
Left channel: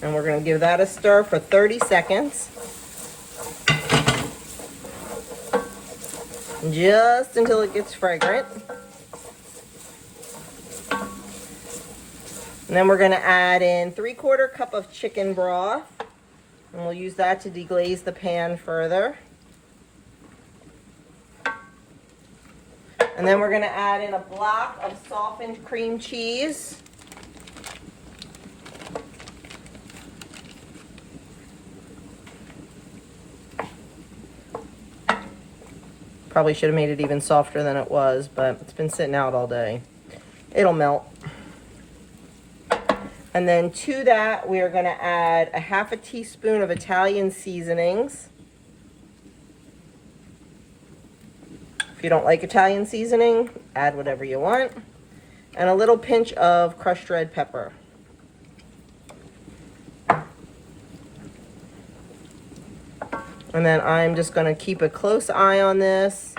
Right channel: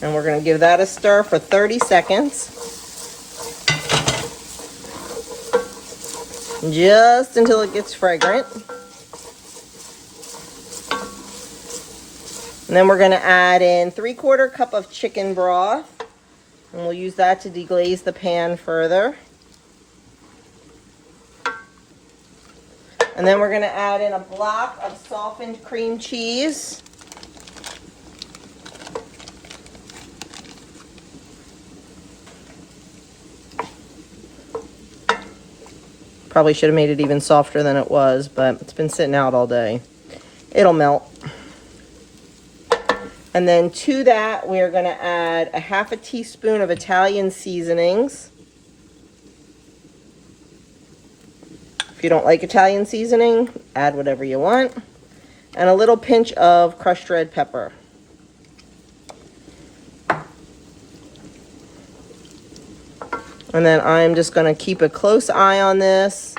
And we're going to give that a stir for 30 seconds. Just until it gets fragrant. And then we're gonna add in 3/4 cup of chicken broth. And we'll use that to deglaze the pan further. And then we're gonna add in a block of softened cream cheese. Probably should have made it even softer than it was, but it's been sitting out all day. It'll melt. And then to that, we're gonna add a 1/2 teaspoon of Italian seasonings. If you don't like Italian seasoning, add whatever you want. And a little pinch of crushed red pepper. And then I'm just gonna keep a close eye on this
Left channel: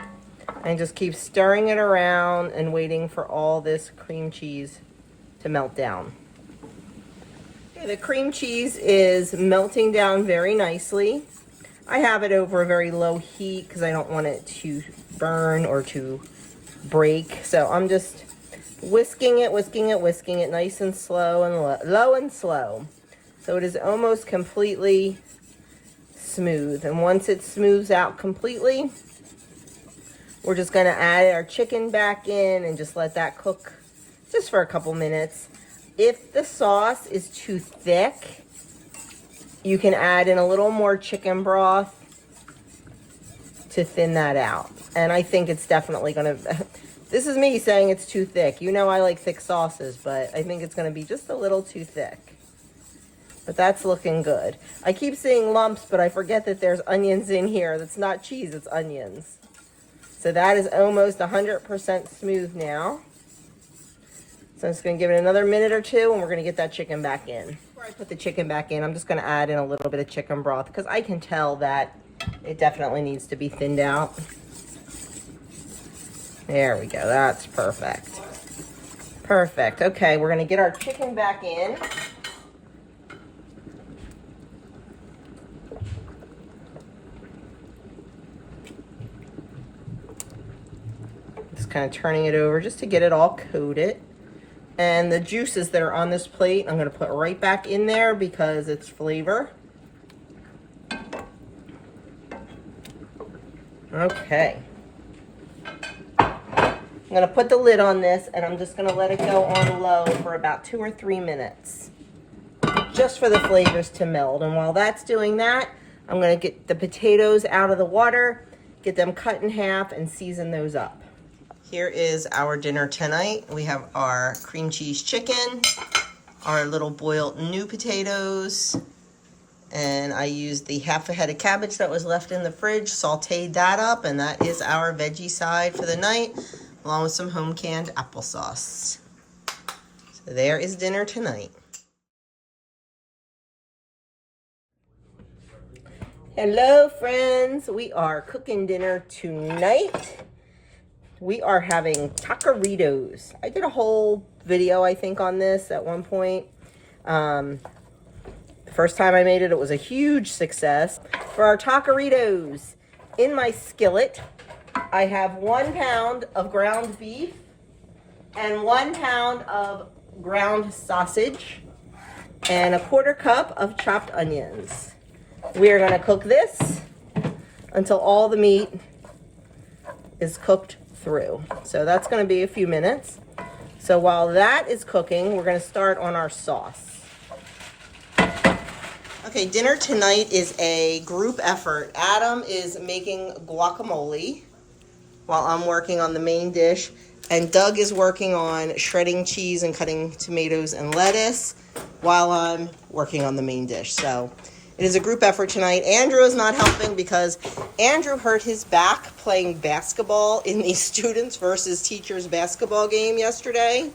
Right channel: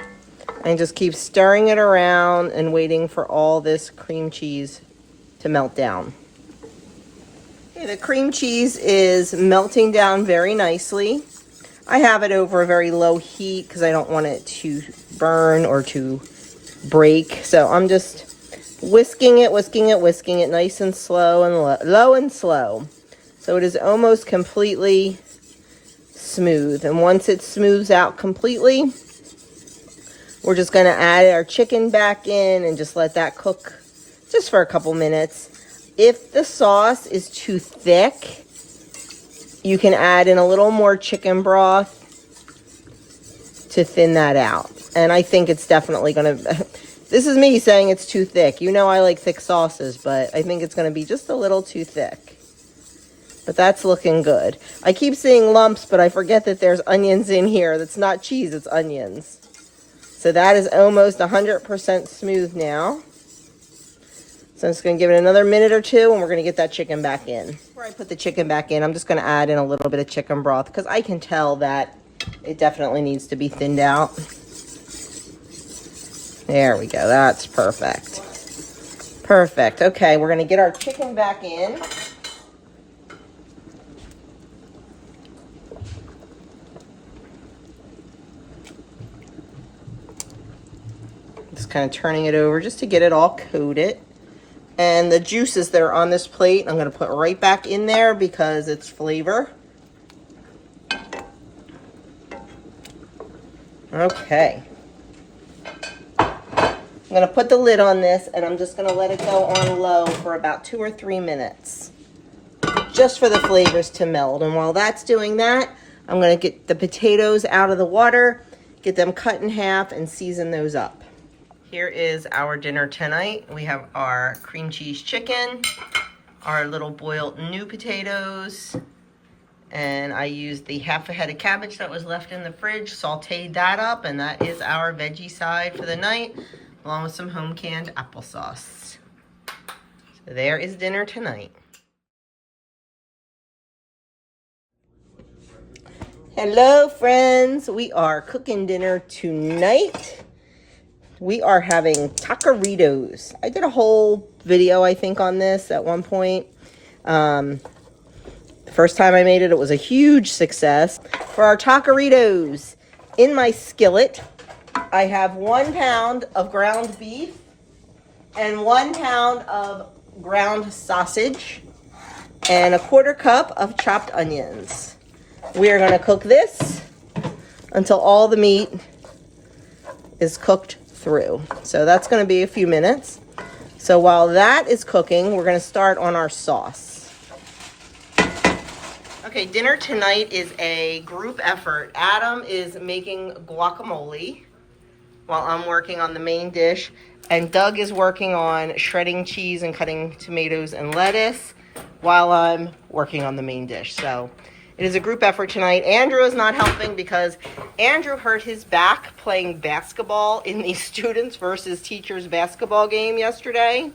and just keep stirring it around and waiting for all this cream cheese to melt down. Okay, the cream cheese is melting down very nicely. I have it over a very low heat because I don't want it to burn or to break. So I'm just whisking it nice and slow and low and slow. So it is almost completely smooth. And once it smooths out completely, we're just gonna add our chicken back in and just let that cook just for a couple minutes. If the sauce is too thick, you can add in a little more chicken broth to thin that out. And I think it's definitely gonna, this is me saying it's too thick. You know I like thick sauces, but I think it's gonna be just a little too thick. But that's looking good. I keep seeing lumps, but I forget that there's onions in here. That's not cheese, it's onions. So that is almost 100% smooth now. So I'm just gonna give it another minute or two and we're gonna get that chicken back in. Before I put the chicken back in, I'm just gonna add in a little bit of chicken broth because I can tell that it definitely needs to be thinned out. There we go, that's perfect. Perfect, okay, we're gonna get our chicken back in. Just kind of turning it over just to get it all coated. And the juices that are on this plate, I'm gonna put right back in there because it's flavor. Okay. I'm gonna put the lid on this and I'm just gonna let it go on low for about 2 or 3 minutes. Just for the flavors to meld. And while that's doing that, I'm gonna get the potatoes out of the water, get them cut in half and season those up. Here is our dinner tonight. We have our cream cheese chicken, our little boiled new potatoes, and I used the 1/2 head of cabbage that was left in the fridge, sauteed that up, and that is our veggie side for the night, along with some home canned applesauce. So there is dinner tonight. Hello friends, we are cooking dinner tonight. We are having Tacoritos. I did a whole video, I think, on this at one point. The first time I made it, it was a huge success. For our Tacoritos, in my skillet, I have 1 pound of ground beef and 1 pound of ground sausage and 1/4 cup of chopped onions. We are gonna cook this until all the meat is cooked through. So that's going to be a few minutes. So while that is cooking, we're going to start on our sauce. Okay, dinner tonight is a group effort. Adam is making guacamole while I'm working on the main dish, and Doug is working on shredding cheese and cutting tomatoes and lettuce while I'm working on the main dish. So it is a group effort tonight. Andrew is not helping because Andrew hurt his back playing basketball in the students versus teachers basketball game yesterday.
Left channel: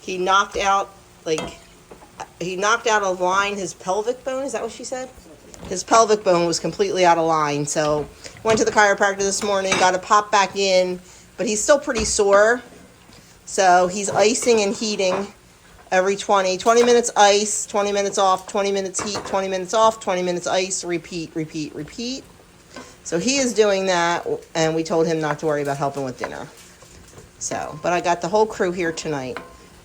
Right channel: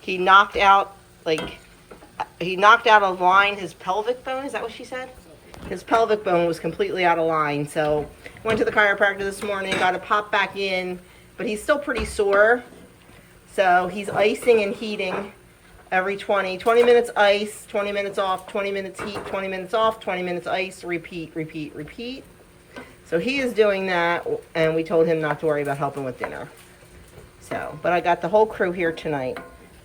He knocked out of line his pelvic bone. Is that what she said? His pelvic bone was completely out of line. So went to the chiropractor this morning, got it popped back in, but he's still pretty sore. So he's icing and heating every 20 minutes ice, 20 minutes off, 20 minutes heat, 20 minutes off, 20 minutes ice, repeat. So he is doing that, and we told him not to worry about helping with dinner. So, but I got the whole crew here tonight.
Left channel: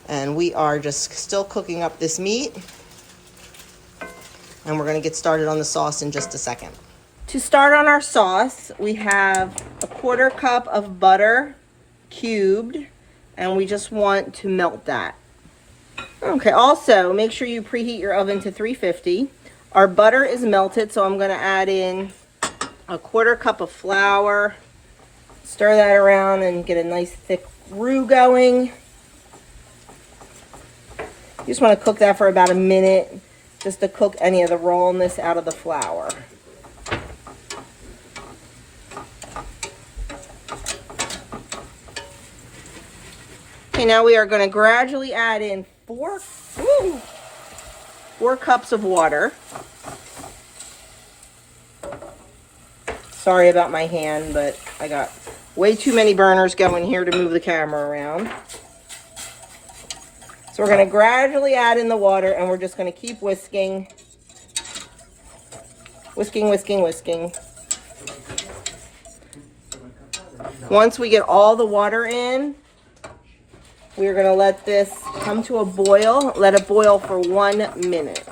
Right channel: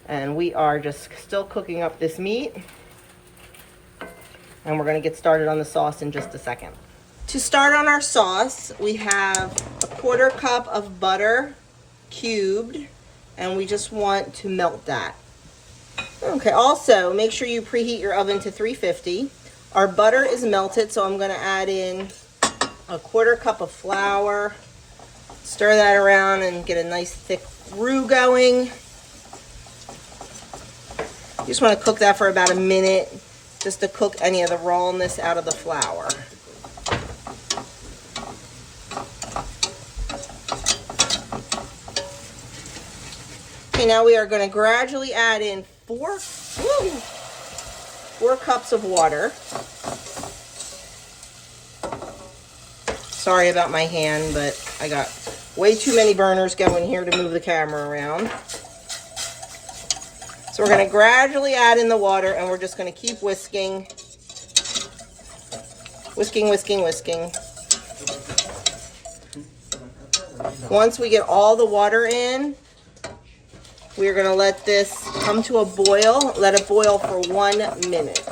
And we are just still cooking up this meat. And we're gonna get started on the sauce in just a second. To start on our sauce, we have a 1/4 cup of butter cubed, and we just want to melt that. Okay, also make sure you preheat your oven to 350. Our butter is melted, so I'm gonna add in a 1/4 cup of flour. Stir that around and get a nice thick roux going. You just want to cook that for about a minute, just to cook any of the rawness out of the flour. Okay, now we are going to gradually add in 4 cups of water. Sorry about my hand, but I got way too many burners going here to move the camera around. So we're going to gradually add in the water, and we're just going to keep whisking. Whisking, whisking, whisking. Once we get all the water in, we're going to let this come to a boil. Let it boil for 1 minute.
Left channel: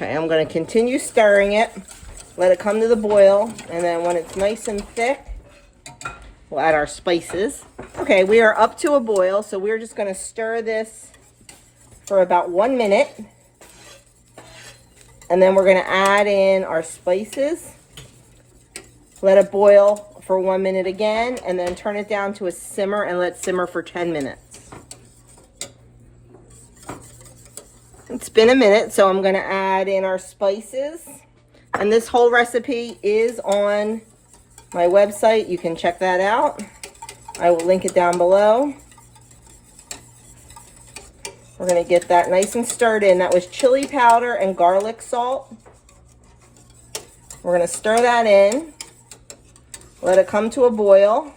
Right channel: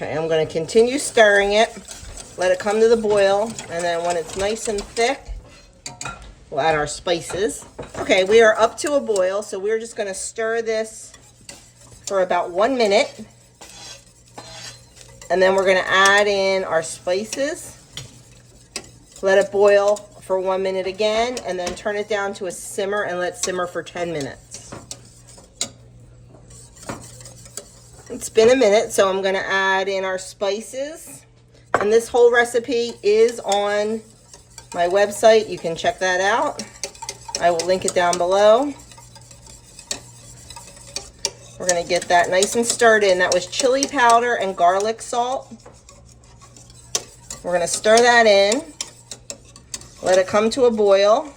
Okay, I'm going to continue stirring it, let it come to the boil, and then when it's nice and thick, we'll add our spices. Okay, we are up to a boil, so we're just going to stir this for about 1 minute, and then we're going to add in our spices, let it boil for 1 minute again, and then turn it down to a simmer and let it simmer for 10 minutes. It's been a minute, so I'm going to add in our spices. And this whole recipe is on my website. You can check that out. I will link it down below. We're going to get that nice and stirred in. That was chili powder and garlic salt. We're going to stir that in. Let it come to a boil.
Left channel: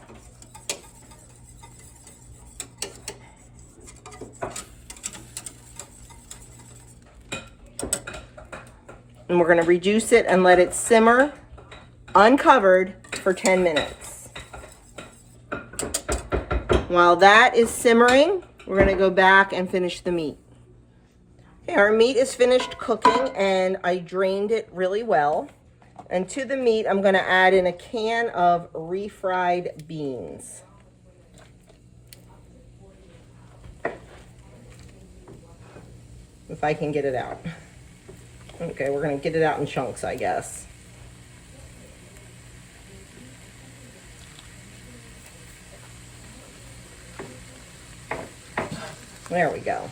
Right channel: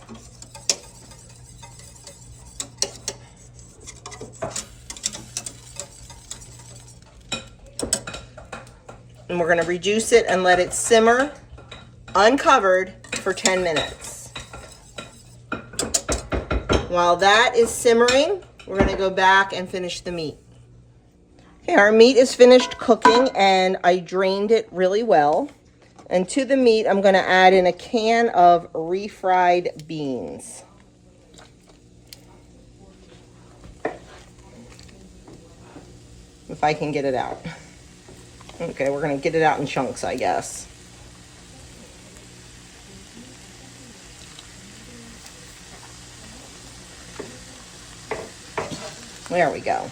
And we're going to reduce it and let it simmer uncovered for 10 minutes. While that is simmering, we're going to go back and finish the meat. Okay, our meat is finished cooking, and I drained it really well. And to the meat, I'm going to add in a can of refried beans. If I can get it out. Okay, we're going to get it out in chunks, I guess. There we go.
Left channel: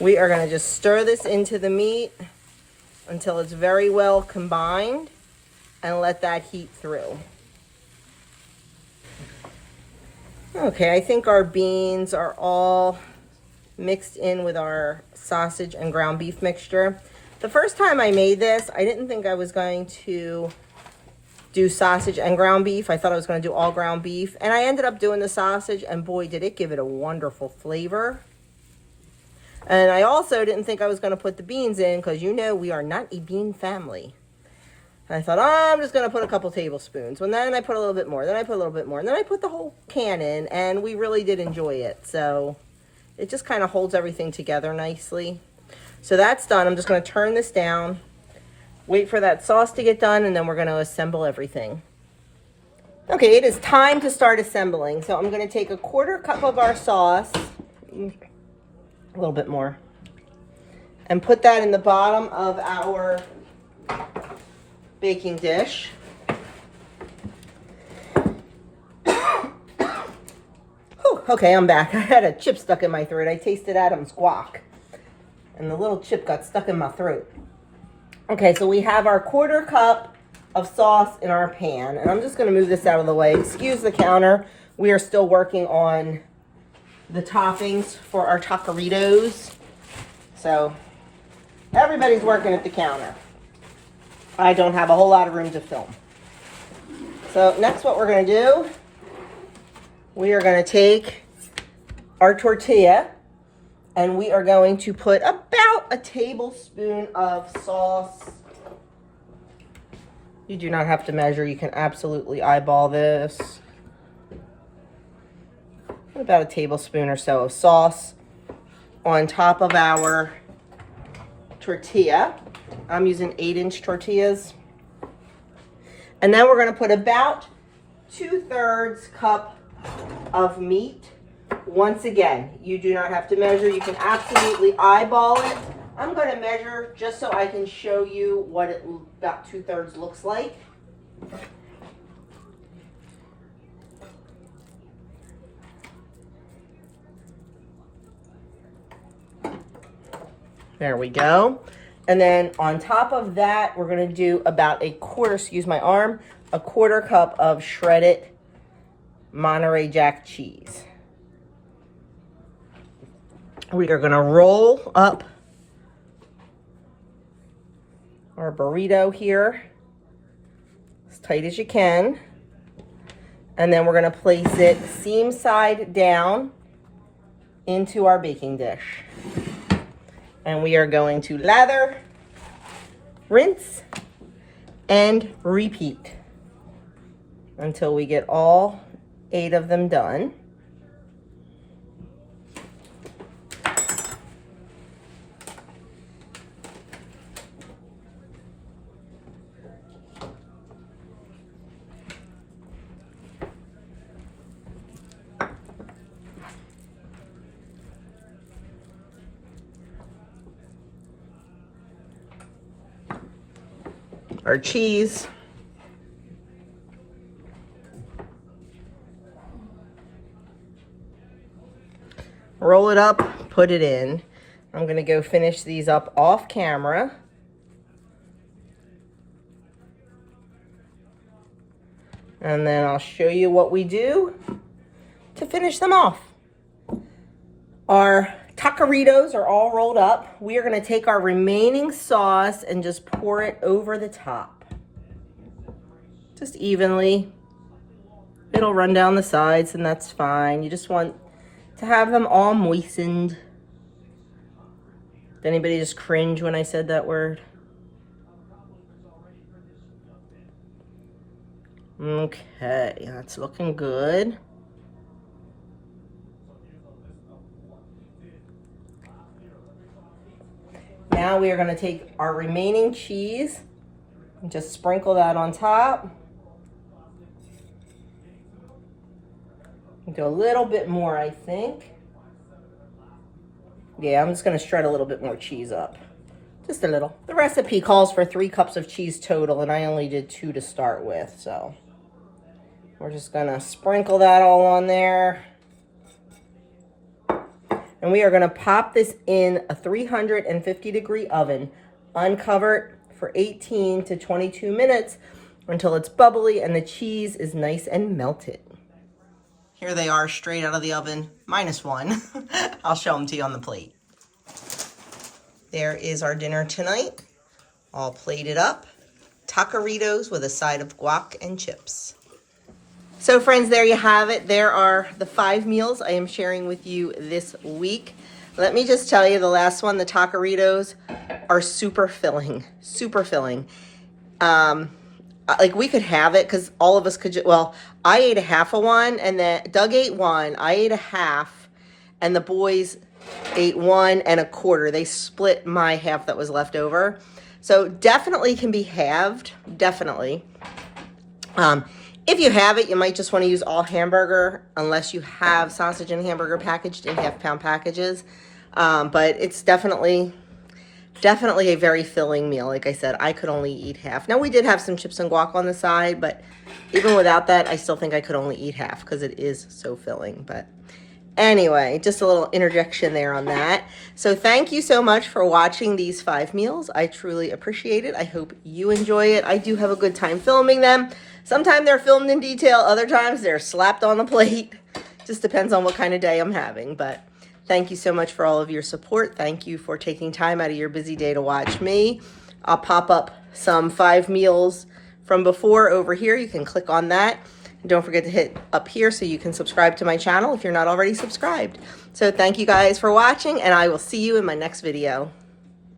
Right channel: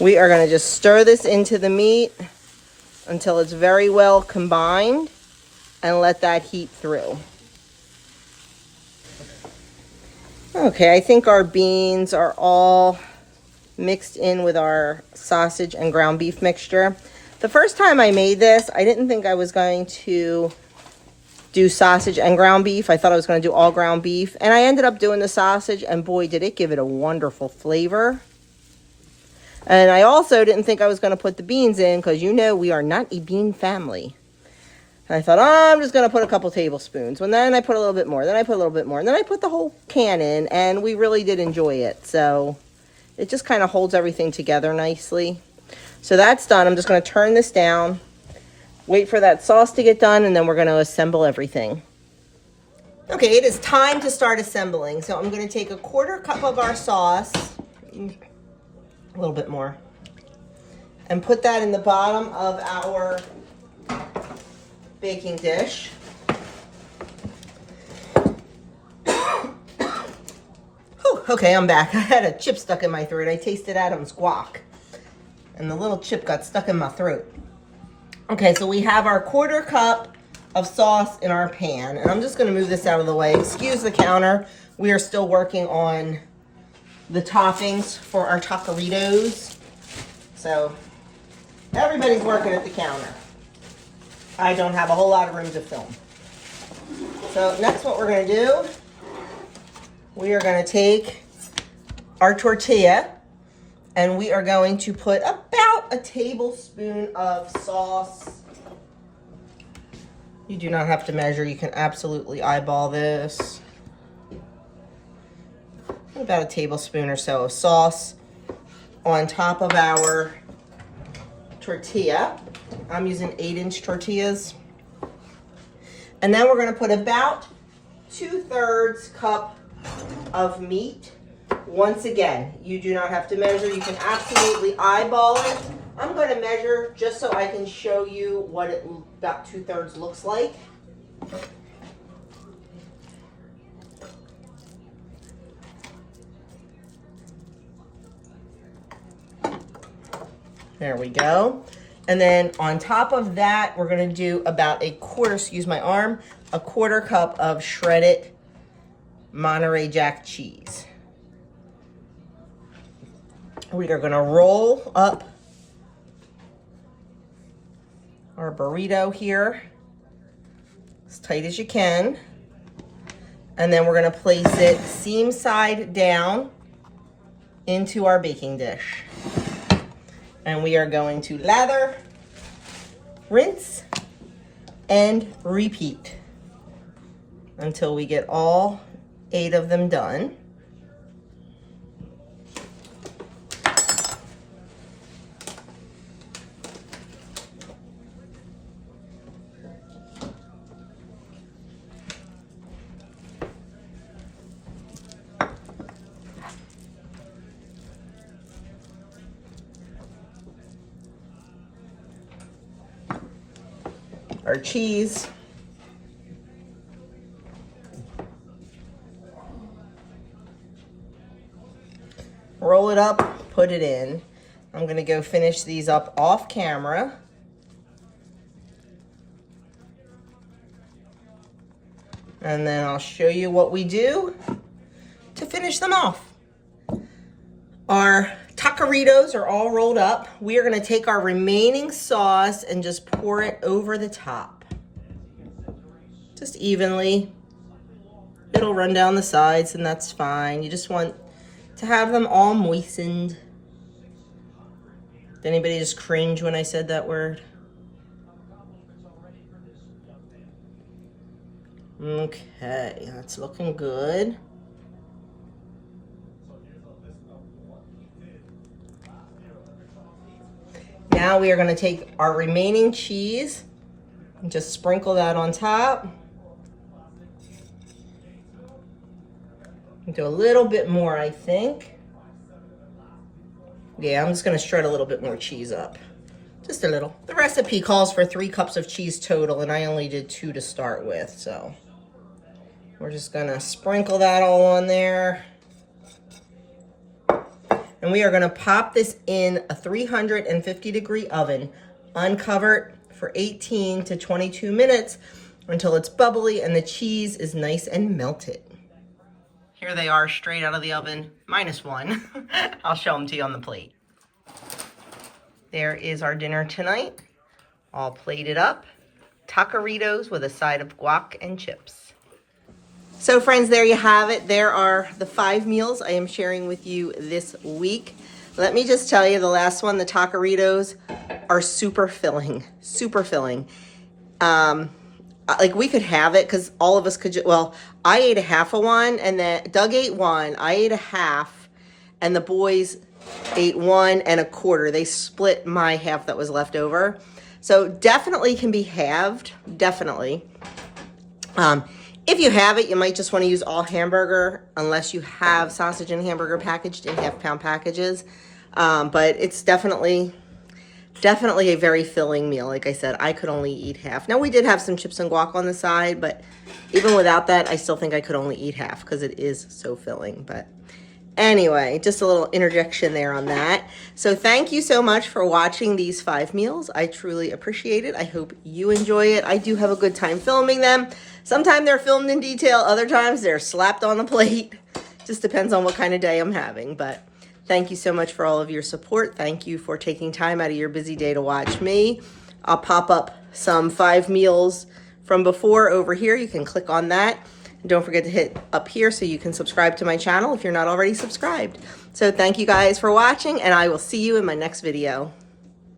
We are going to just stir this into the meat until it's very well combined and let that heat through. Okay, I think our beans are all mixed in with our sausage and ground beef mixture. The first time I made this, I didn't think I was going to do sausage and ground beef. I thought I was going to do all ground beef, and I ended up doing the sausage, and boy, did it give it a wonderful flavor. And I also didn't think I was going to put the beans in, because you know we are not a bean family. And I thought, oh, I'm just going to put a couple tablespoons. And then I put a little bit more. Then I put a little bit more. And then I put the whole can in, and we really did enjoy it. So it just kind of holds everything together nicely. So that's done. I'm just going to turn this down, wait for that sauce to get done, and then we're going to assemble everything. Okay, it is time to start assembling. So I'm going to take a 1/4 cup of our sauce, a little bit more, and put that in the bottom of our baking dish. Okay, I'm back. I had a chip stuck in my throat. I tasted Adam's guac, and the little chip got stuck in my throat. Okay, so we have our 1/4 cup of sauce in our pan, and I'm just going to move this out of the way. Excuse the counter. We are still working on the toppings for our Tacoritos. So everybody's working at the counter. I don't have a whole lot of room to film. So next what we're gonna do, we are gonna take our tortilla and we are going to put about a tablespoon of sauce. You do not have to measure, you can absolutely eyeball this. About a tablespoon or so of sauce on top of our tortilla. I'm using 8-inch tortillas. And then we're gonna put about 2/3 cup of meat. Once again, you do not have to measure, you can absolutely eyeball it. I'm gonna measure just so I can show you what it about 2/3 looks like. There we go. And then on top of that, we're gonna do about a quarter cup of shredded Monterey Jack cheese. We are gonna roll up our burrito here as tight as you can. And then we're gonna place it seam side down into our baking dish. And we are going to lather, rinse, and repeat until we get all 8 of them done. Our cheese. Roll it up, put it in. I'm gonna go finish these up off camera. And then I'll show you what we do to finish them off. Our Tacoritos are all rolled up. We are gonna take our remaining sauce and just pour it over the top. Just evenly. It'll run down the sides and that's fine. You just want to have them all moistened. Did anybody just cringe when I said that word? Okay, that's looking good. Now we are going to take our remaining cheese and just sprinkle that on top. Do a little bit more, I think. Yeah, I'm just going to shred a little bit more cheese up. Just a little. The recipe calls for 3 cups of cheese total, and I only did 2 to start with, so we're just going to sprinkle that all on there. And we are gonna pop this in a 350-degree oven, uncovered for 18 to 22 minutes until it's bubbly and the cheese is nice and melted. Here they are straight out of the oven, -1. I'll show them to you on the plate. There is our dinner tonight, all plated up. Tacoritos with a side of guac and chips. So friends, there you have it. There are the 5 meals I am sharing with you this week. Let me just tell you, the last one, the Tacoritos, are super filling, super filling. Like we could have it because all of us could, well, I ate a half of one and then Doug ate one, I ate a half, and the boys ate 1 1/4. They split my half that was left over. So definitely can be halved, definitely. If you have it, you might just want to use all hamburger unless you have sausage and hamburger packaged in half-pound packages. But it's definitely a very filling meal. Like I said, I could only eat half. Now, we did have some chips and guac on the side, but even without that, I still think I could only eat half because it is so filling. But anyway, just a little interjection there on that. So thank you so much for watching these 5 meals. I truly appreciate it. I hope you enjoy it. I do have a good time filming them. Sometimes they're filmed in detail. Other times they're slapped on the plate Just depends on what kind of day I'm having. But thank you so much for all of your support. Thank you for taking time out of your busy day to watch me. I'll pop up some 5 meals from before over here. You can click on that. And don't forget to hit up here so you can subscribe to my channel if you're not already subscribed. So thank you guys for watching, and I will see you in my next video.